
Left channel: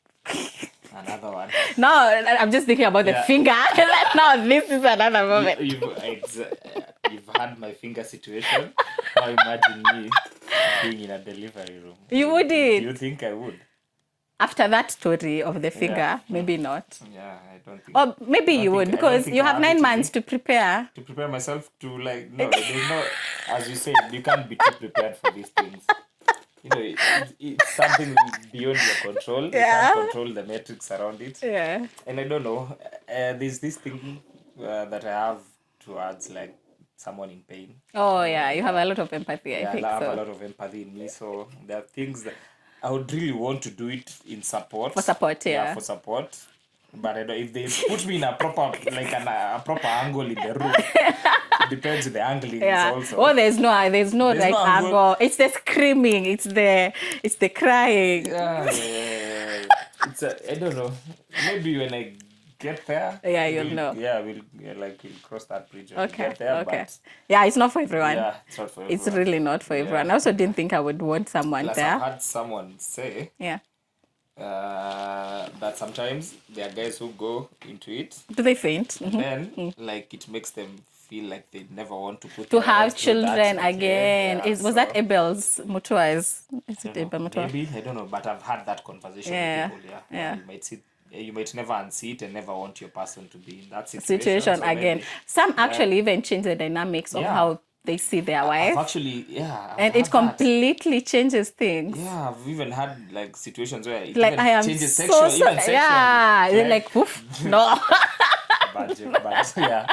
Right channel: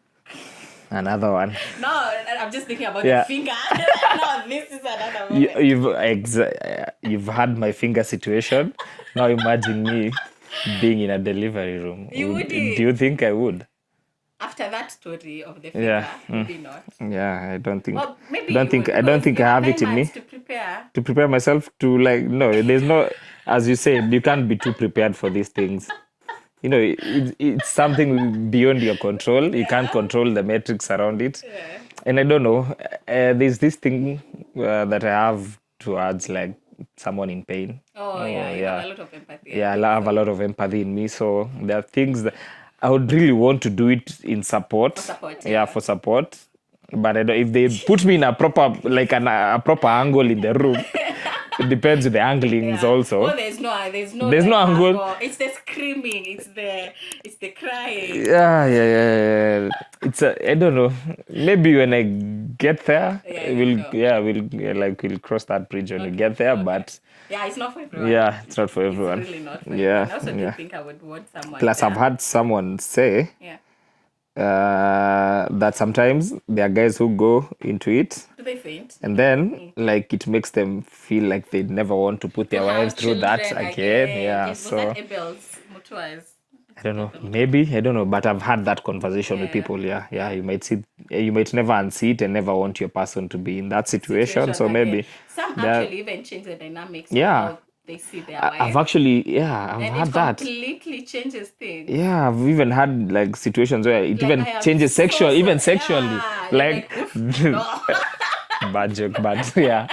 Another one. No, I'm just thinking about Yeah. the finger. No, this is another moment. You've had my finger situation. Now imagine me being in a delivery room. You Do wouldn't. you think I would? After that story of the finger, maybe not. Yeah, I don't think. Or maybe don't you think, would, I don't because think you I have have 9 it in me months to prepare. to prepare myself to like. No, there's no. As you said, you can't be too prepared for these things. It's something beyond your control. You can't control the metrics around it. Yeah. And I don't know. There's this thing that I have towards like someone in pain. Oh, yeah, you have a lot of empathy. Yeah, I think have so. a lot of empathy in me. So there are things that I would really want to do it in support. For support, Yeah, yeah. for support. But I don't, if they put me in a proper, like a proper angle in the room, It depends with the anglings also. Oh, there's no There's like, no angle. It's the screaming, it's the crying. Yeah. I don't know. Maybe when I get there, you'll know. we'll cross that bridge when we get there. But yeah, it's not for everyone. Yeah, it's not for everyone. It's really not for everyone. I also didn't think I would want someone Plus, there. I've had someone say that sometimes there are guys who go into it. Do they faint? And then, like, it makes them feel like they never want to put their have through children that again. Yeah, was that Abel's Mutua's? I don't know. Maybe, I don't know. But I've had that conversation with people. Yeah. You might never unsee it and never want your person to be in that situation. So again. Maybe some actually even change the dynamics of how they see their wife. I've actually, and had it completely changes things. Yeah, I've even had like situations where it even changes sexually. Yeah, you're like oof, no. Bad joke, but yeah.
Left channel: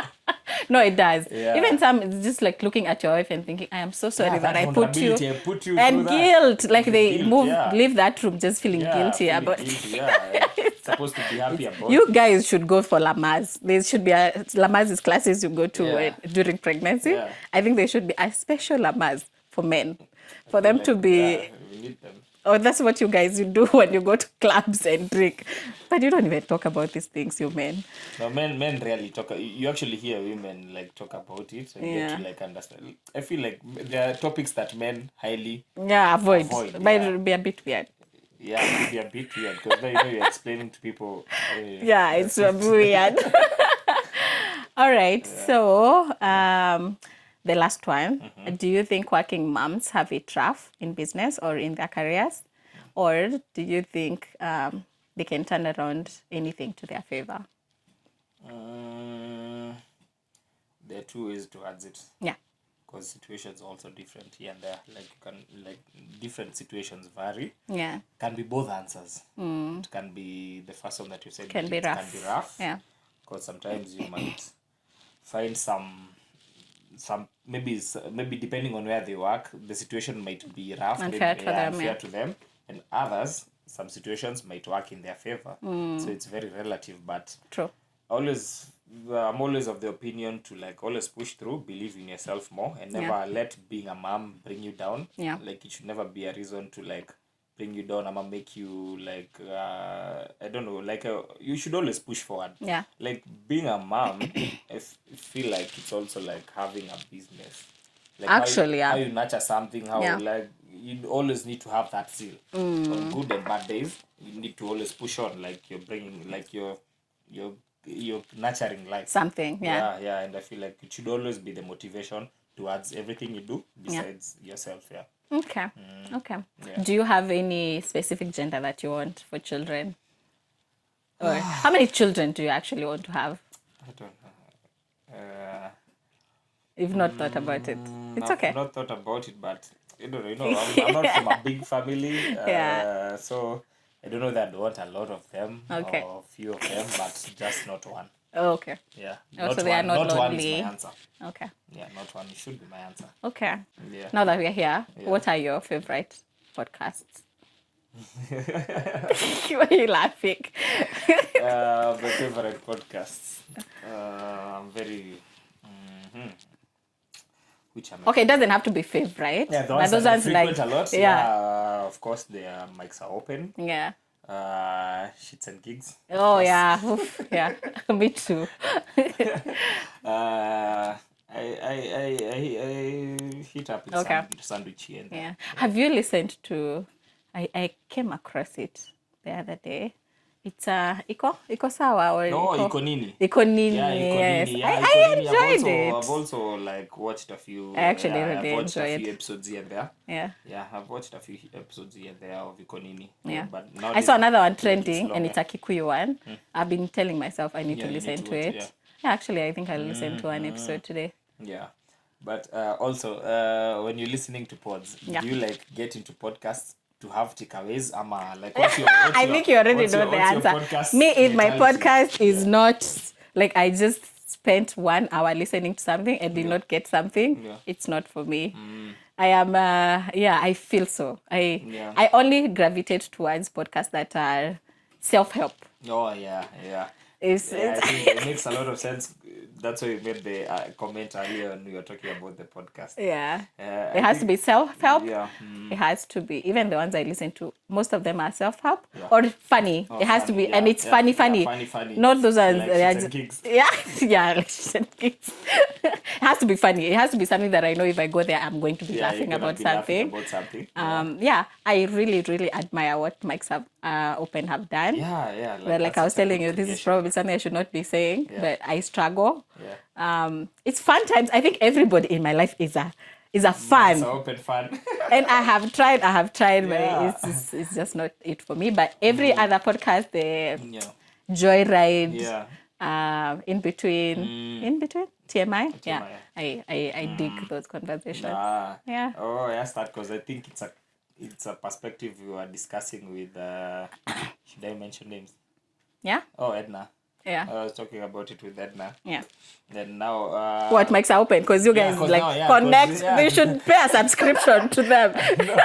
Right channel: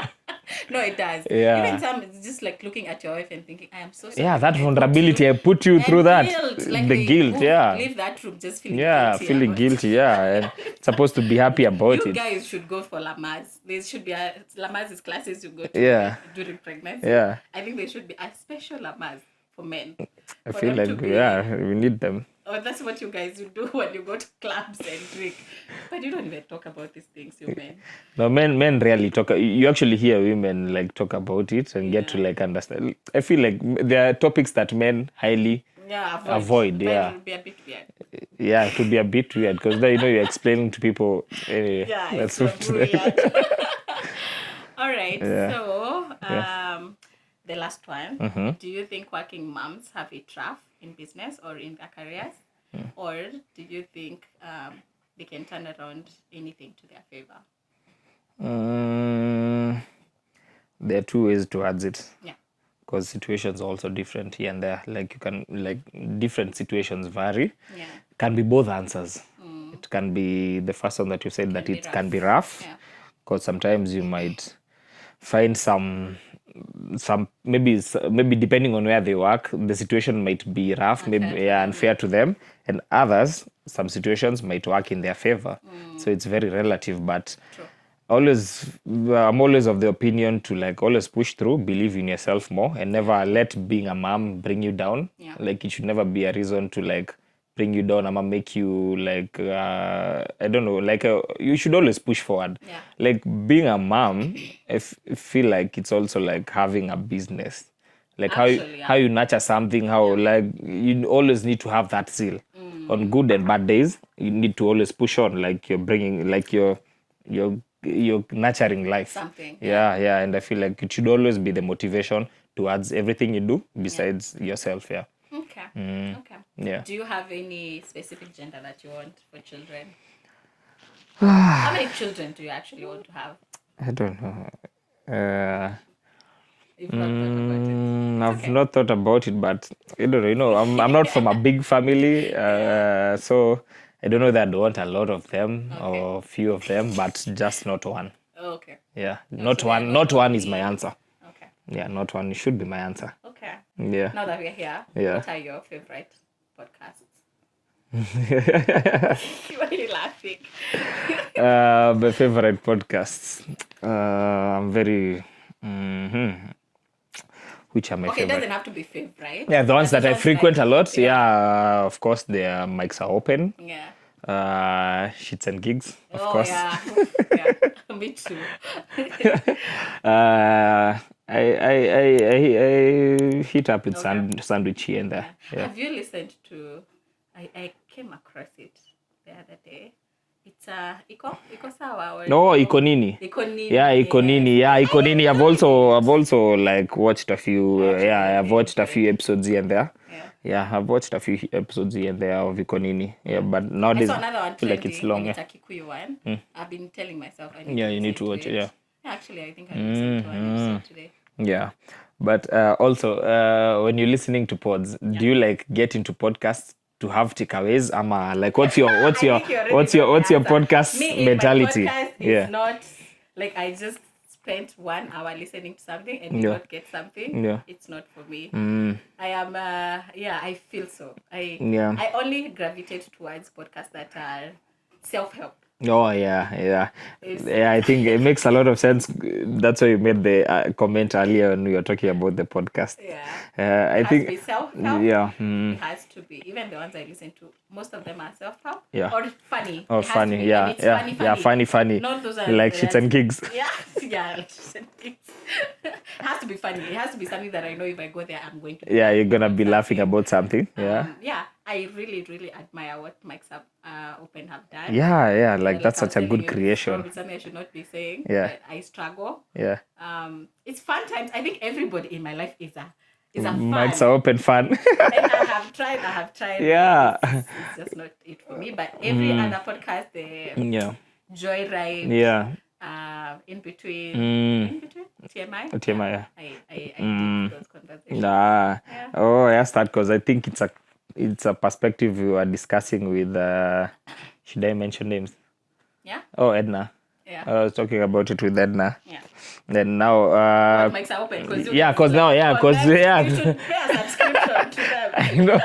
No, it does. Yeah. Even some, it's just like looking at your wife and thinking, I am so sorry. Yeah, that vulnerability, I put you through that. Guilt, like the guilt, leave that room just feeling guilty. Feeling guilty, and supposed to be happy about it. You guys should go for Lamaze. There should be Lamaze's classes you go to during pregnancy. Yeah. I think there should be a special Lamaze for men. For them to be... Yeah, we need them. Oh, that's what you guys do when you go to clubs and drink. But you don't even talk about these things, you men. No, men rarely talk. You actually hear women like talk about it and get to like understand. I feel like there are topics that men highly avoid. But it would be a bit weird. Yeah, it could be a bit weird because then you're explaining to people. It's weird. All right, so the last one. Do you think working moms have it rough in business or in their careers? Or do you think they can turn around anything to their favor? There are two ways towards it. Yeah. Because situations are also different here and there. Like different situations vary. Yeah. Can be both answers. It can be the first one that you said that it can be rough. Yeah. Because sometimes you might find some maybe depending on where they work, the situation might be rough, unfair to them, and others, some situations might work in their favor. So it's very relative, but true. I'm always of the opinion to like always push through, believe in yourself more, and never let being a mom bring you down. Yeah. Like it should never be a reason to like bring you down. I'ma make you like I don't know, like you should always push forward. Yeah. Like being a mom, I feel like it's also like having a business. Like how you nurture something, like you always need to have that zeal. On good and bad days, you need to always push on. Like you're bringing, like you're nurturing life. Something. Yeah. And I feel like it should always be the motivation towards everything you do besides yourself. Yeah. Okay. Okay. Yeah. Do you have any specific gender that you want for children? How many children do you actually want to have? I don't know. You've not thought about it. I've not thought about it, but I don't know. You know, I'm not from a big family, so I don't know that I want a lot of them or few of them, but just not one. Oh, okay. Yeah, Oh, not so one. Not one is my only- answer. Okay. Yeah, not one. It should be my answer. Okay. Yeah. Now that we're here, Yeah. what are your favorite podcasts? Why are you laughing? My favorite podcasts. I'm very. Which are my Okay, it favorite? doesn't have to be favorite. Yeah, the ones but that those I ones frequent like- a lot. Yeah. Yeah, of course, their mics are open. Yeah. Shits and gigs. Of Oh course. yeah. Oof, yeah. Me too. I hit up with Okay. sandwich here and Yeah. there. Yeah. Have you listened to? I came across it the other day. It's Iko Sawa or No, Iko Nini. Iko Nini. Yeah, Iko Nini. Yeah, I Iko Nini. I've enjoyed it. also like watched a few. I actually I've really watched a enjoyed few it. episodes here and there. Yeah. Yeah, I've watched a few episodes here and there of Iko Nini. Yeah, but I nowadays saw another one I feel like it's trending, long, and it's a Kikuyu one. I've been telling myself I need Yeah, to you listen need to to watch it. it, yeah. Yeah, actually, I think I'll listen to an episode today. Yeah, but also when you're listening to pods, do you like get into podcasts to have takeaways? Like what's your I think you already know the what's your answer. podcast Me, if mentality? my podcast is Yeah. not like I just spent 1 hour listening to something and did not get something, Yeah. it's not for me. I am, I feel so. Yeah. I only gravitate towards podcasts that are self-help. Oh yeah. It's I think it makes a lot of sense. That's why you made the comment earlier when we were talking about the podcast. yeah. I It has to think be self-help. yeah, It has to be, even the ones I listen to, most of them are self-help Yeah. or funny. oh It has to funny, be, and it's funny. funny. Not those are Like shits and gigs. Yeah, yeah, like shits and gigs. It has to be funny. It has to be something that I know if I go there, I'm going to be Yeah, laughing you're gonna about be laughing something. about something. Yeah. Yeah, I really admire what Mike's have Open have done. Yeah, like Like that's I was such a telling good you, this is creation. probably something I should not be saying, Yeah. but I struggle. Yeah. It's fun times. I think everybody in my life is a fan. Mine's open fun. And I have tried. Yeah. But it's just not it for me. But every other podcast, the Yeah. Joyride, Yeah. in between TMI. TMI, yeah. I dig those conversations. Nah. Yeah. Oh, I asked that because I think it's a perspective we were discussing with should I mention names? Yeah. Oh, Edna. Yeah. I was talking about it with Edna. Yeah. Then now What makes it open? Because you yeah, guys 'cause like, now- yeah, 'cause, connect. yeah. You should pay a subscription to them.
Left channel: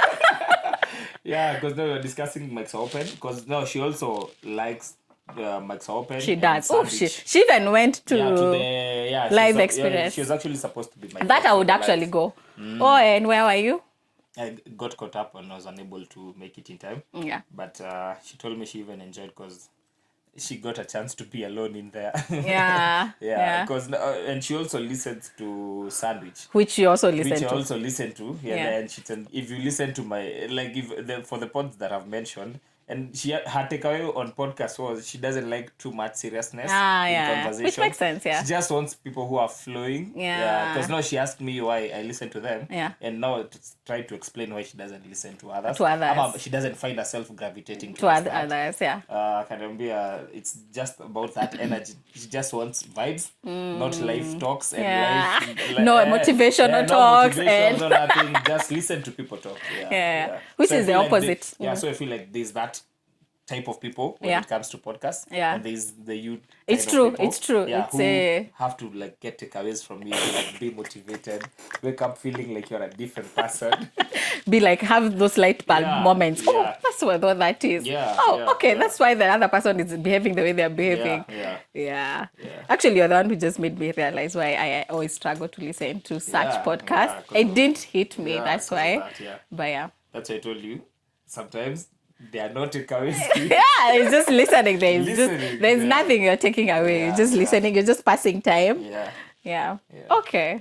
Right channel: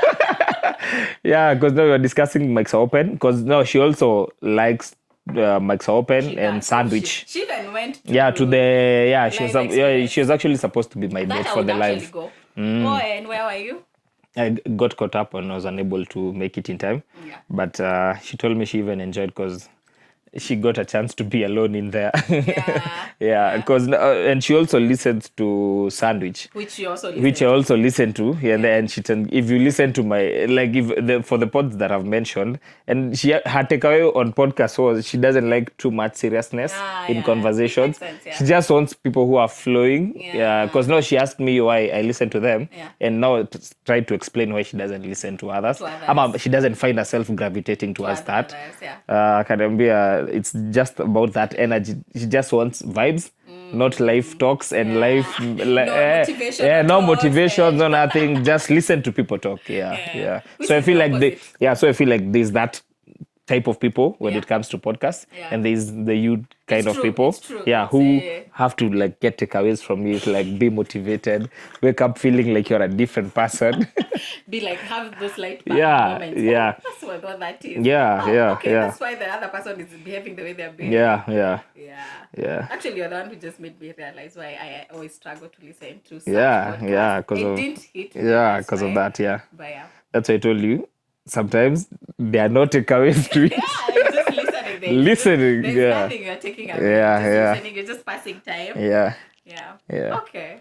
yeah, because now we're discussing Mike's Open because now she also likes Mike's Open She and does. Oh, Sandwich. she even went to to the live experience. she was actually supposed to be my that date I for would the actually live. go. Oh, and where were you? I got caught up and I was unable to make it in time. Yeah. But she told me she even enjoyed because she got a chance to be alone in there. Yeah. yeah, because and she also listened to Sandwich. Which you also listened Which I to. also listen to. Yeah, Yeah. and if you listen to my for the pods that I've mentioned, and her takeaway on podcast was she doesn't like too much seriousness in Yeah. conversations. Which makes sense, yeah. She just wants people who are flowing. Yeah. Because now she asked me why I listen to them. Yeah. And now tried to explain why she doesn't listen to others. To others. Ama she doesn't find herself gravitating towards that. Others, yeah. Akaniambia it's just about that energy. She just wants vibes, not life talks and Yeah. life. No motivational no talks motivation, and- no nothing. Just listen to people talk. Yeah. Which so is I feel the like opposite. so I feel like there's that type of people when Yeah. it comes to podcasts, Yeah. and there's the you kind It's of true, people, it's true. yeah, It's who have to like get takeaways from you, to like be motivated, wake up feeling like you're a different person. Be like, have those light bulb Yeah, moments. yeah. Oh, that's what that is. Yeah, Oh, yeah, okay, yeah. that's why the other person is behaving the way they're behaving. Yeah. Actually, you're the one who just made me realize why I always struggle to listen to such Yeah, podcasts. yeah, 'cause It of- didn't hit me. Yeah, That's because why. of that. Yeah, But yeah. that's why I told you. Sometimes they are not takeaways to Yeah, it's just listening. Listening, There's yeah. nothing you're taking away. Yeah, You're just yeah. listening. You're just passing time. Yeah. Yeah. Yeah. Okay.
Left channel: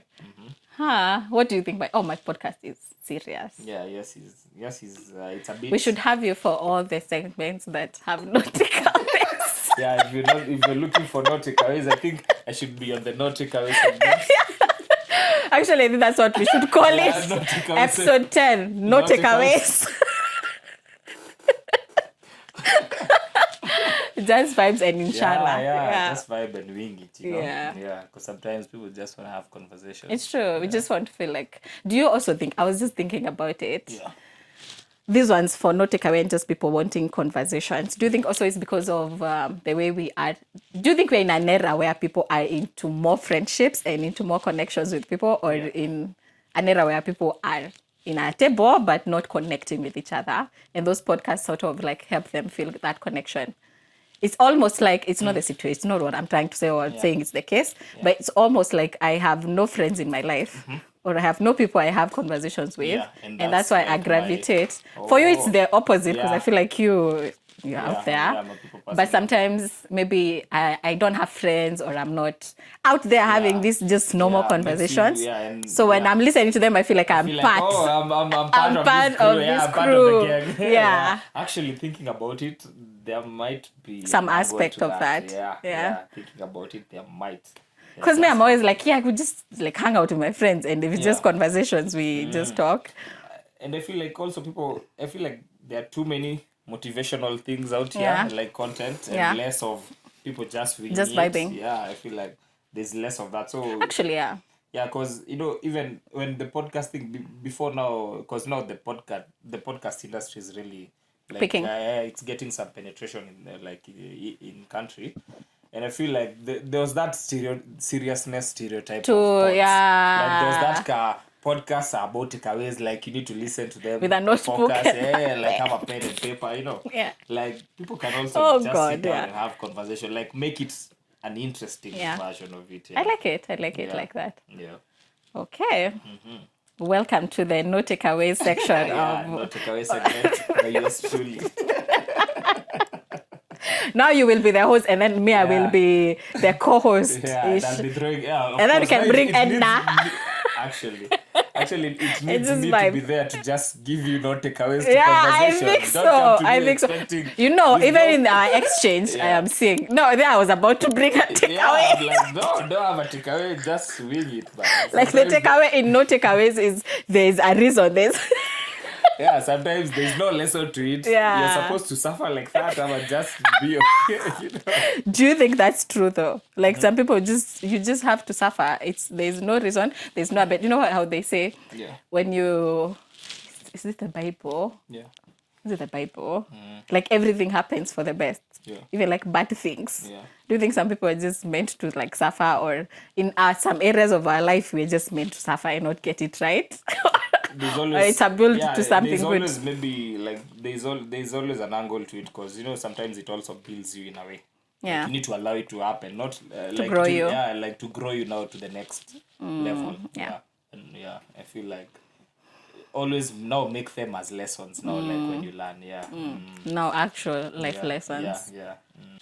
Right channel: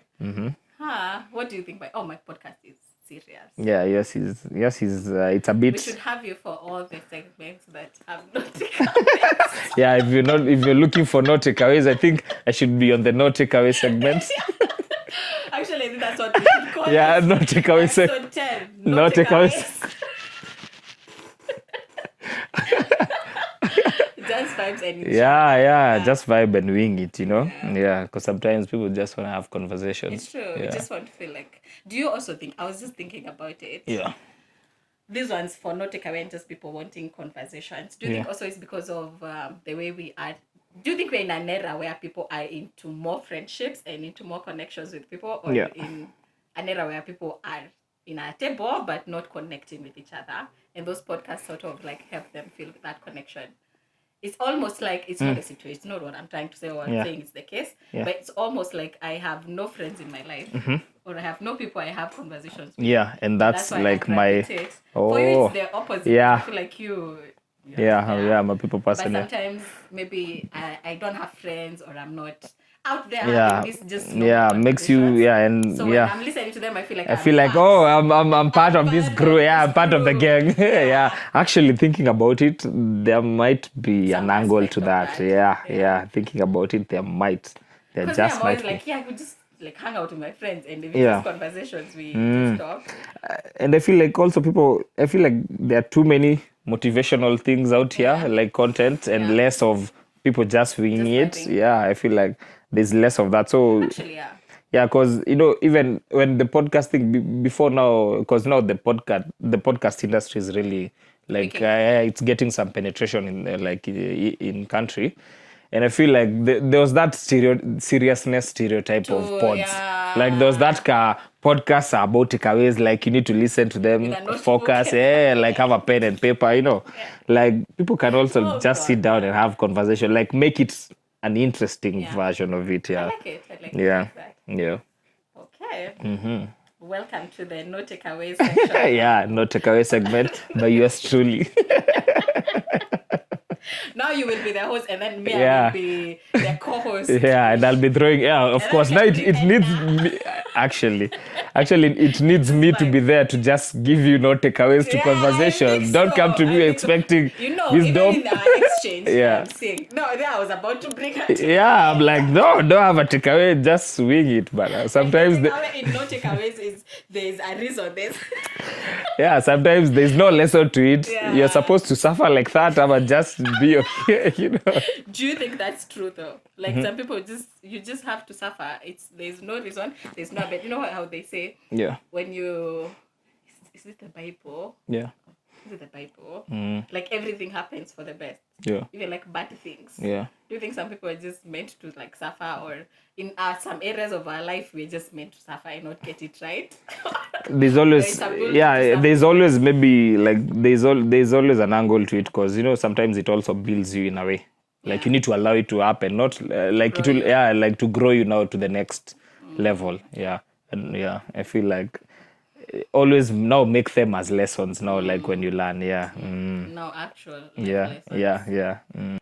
Huh. What do you think? My podcast is serious. Yeah, yes, it's a bit. We should have you for all the segments that have no takeaways. Yeah, if you're looking for no takeaways, I think I should be on the no takeaway segment. Actually, I think that's what we should call Yeah, it. no takeaways. Episode 10. No, No takeaways. Just vibes and inshallah. Yeah, just vibe and wing it, you know? Yeah. Yeah, because sometimes people just want to have conversations. It's true. We just want to feel like. Do you also think? I was just thinking about it. Yeah. These ones for no takeaway and just people wanting conversations. Do you think also it's because of the way we are? Do you think we're in an era where people are into more friendships and into more connections with people, or Yeah. in an era where people are in a table but not connecting with each other, and those podcasts sort of like help them feel that connection? It's almost like it's not the situation. It's not what I'm trying to say or I'm saying it's the case, but it's almost like I have no friends in my life, or I have no people I have conversations with. Yeah, and that's why like I gravitate. For you, it's the opposite. 'Cause Yeah. I feel like you're out there. I'm a people person. But sometimes maybe I don't have friends, or I'm not out there having these just normal makes you- conversations. and so when I'm listening to them, I feel like I feel like, part. oh, I'm part of this crew. I'm part of the gang. Yeah. Actually, thinking about it, there might be Some an angle aspect to of that. that. Yeah. Thinking about it, there might. Because me, I'm always like, I could just like hang out with my friends, and if it's just conversations, we just talk. And I feel like also I feel like there are too many motivational things out here, Yeah. like content, and less of people just winging Just it. vibing. Yeah, I feel like there's less of that. So Actually, yeah. yeah, because even when the podcasting before now, because now the podcast industry is really like Picking. it's getting some penetration in country. And I feel like there was that seriousness stereotype of pods. yeah. Like there was that podcasts are about takeaways, like you need to listen to them, With a notebook. focus, like have a pen and paper, Yeah. Like people can also just sit down yeah. and have conversation, like make it an interesting Yeah. version of it. I like it like that. Yeah. Okay. Welcome to the no takeaways section. No takeaway segment by yours truly. Now you will be the host, and then me, I will be the co-host. And I'll be throwing. Of and course. Then Now we can bring it needs Edna. me, actually, it needs me to be there to just give you no takeaways to conversation. Don't come to me expecting. Even in our exchange, I am saying no. Then I was about to bring a takeaway. I'm like, no, don't have a takeaway. Just swing it, but sometimes like the takeaway in no takeaways is there's a reason. Sometimes there's no lesson to it. Yeah. You're supposed to suffer like that, but just be okay, Do you think that's true though? Like some people you just have to suffer. There's no reason. There's no bet. You know how they say? Yeah. When you is it the Bible? Yeah. Is it the Bible? Like everything happens for the best. Yeah. Even like bad things. Yeah. Do you think some people are just meant to like suffer, or in some areas of our life we're just meant to suffer and not get it right? There's always there's always good. Maybe like there's always an angle to it, because sometimes it also builds you in a way. Yeah. Like you need to allow it to happen, not like Grow you. like to grow you now to the next level. And I feel like always now make them as lessons now, like when you learn. Now actual life lessons.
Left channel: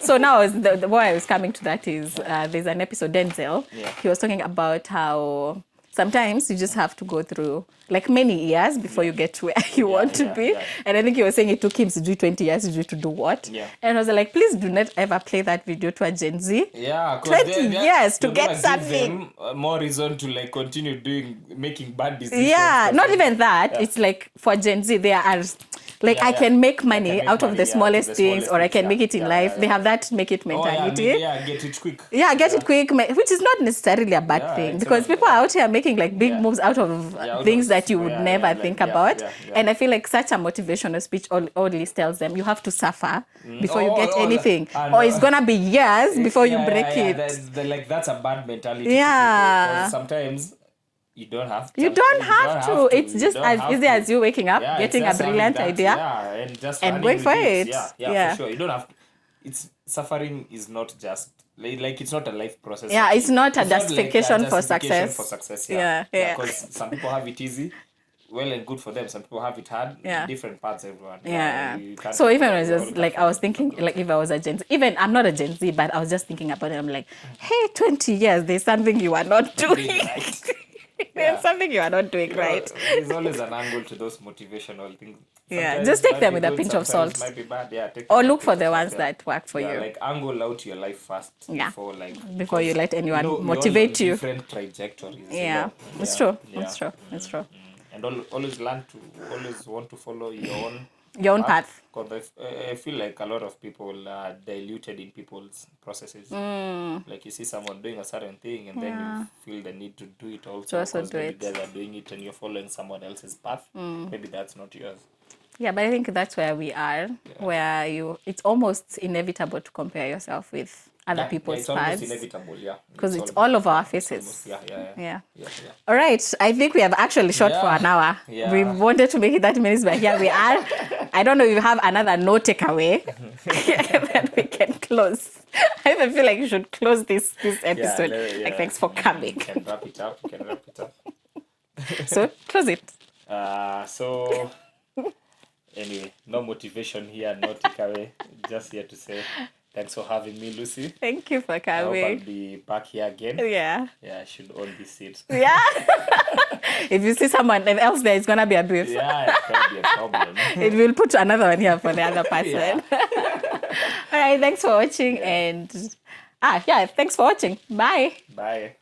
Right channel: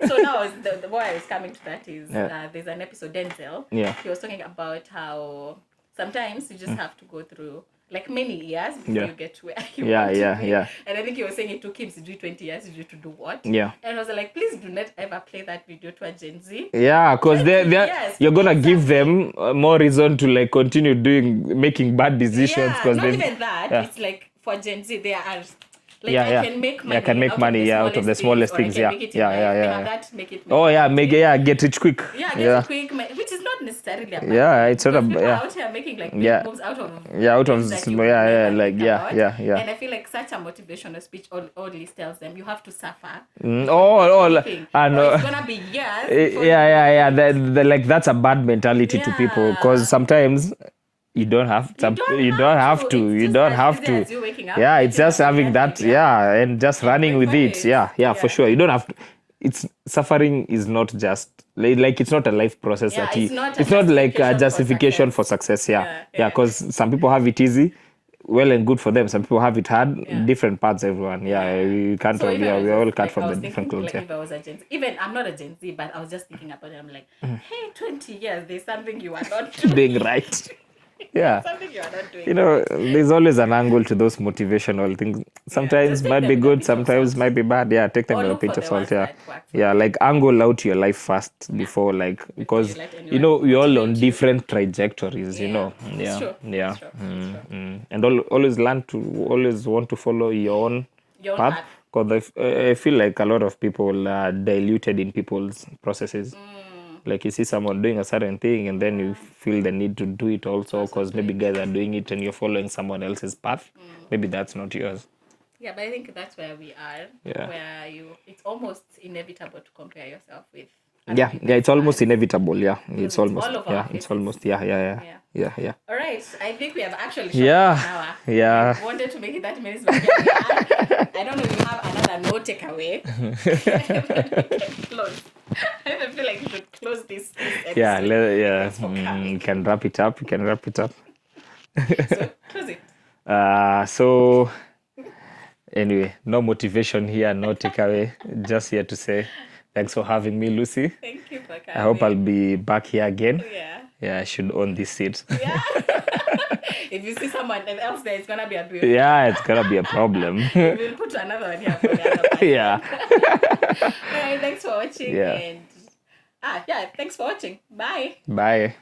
So now the why I was coming to that is there's an episode, Denzel. He was talking about how sometimes you just have to go through like many years before you get to where you want to be. And I think he was saying it took him to do 20 years to do what. And I was like, please do not ever play that video to a Gen Z. Yeah, because you're going to give them more reason to like continue making bad decisions. Yeah, not even that. It's like for Gen Z, there are... Like I can make money out of the smallest things, or I can make it in life. They have that make it mentality. Get rich quick. Get it quick, which is not necessarily a bad thing, because people are out here making like big moves out of things that you would never think about. And I feel like such a motivational speech always tells them you have to suffer before you get anything, or it's gonna be years before you break it. Like that's a bad mentality to people, because sometimes. You don't have to. It's just as easy as you waking up. It's just having that. And just running with it. For sure. You don't have to. It's suffering is not just like it's not a life process. It's not a justification for success. Because some people have it easy. Well and good for them. Some people have it hard. Different parts, everyone. You can't. So even I was thinking, like if I was a Gen Z, even I'm not a Gen Z, but I was just thinking about it. I'm like, hey, 20 years, there's something you are not doing right. Something you are not doing right. There's always an angle to those motivational things. Sometimes might be good, sometimes might be bad. Take them or look for the ones that work for you. Like angle out your life first before you let anyone we're all on you. different trajectories. It's true. It's true. And always always want to follow your own path. Because I feel like a lot of people are diluted in people's processes. Like you see someone doing a certain thing and then you feel the need to do it also because maybe guys are doing it and you're following someone else's path. Maybe that's not yours. Yeah, but I think that's where we are, where it's almost inevitable to compare yourself with other people's it's almost inevitable, It's almost, all of our faces. It's almost, All right, I think we have actually shot for an hour. We wanted to make it 30 minutes, but here we are. I don't know if you have another no takeaway. Then we can close. I feel like you should close this episode. Thanks for coming. You can wrap it up. So, close it. So, anyway, no motivation here, no takeaway. Just here to say thanks for having me, Lucy. Thank you for coming. I hope I'll be back here again. Yeah, I should own this seat. Yeah. If you see someone else there, it's going to be abuse. It's going to be a problem. We'll put another one here for the other person. All right, thanks for watching. And thanks for watching. Bye. Bye.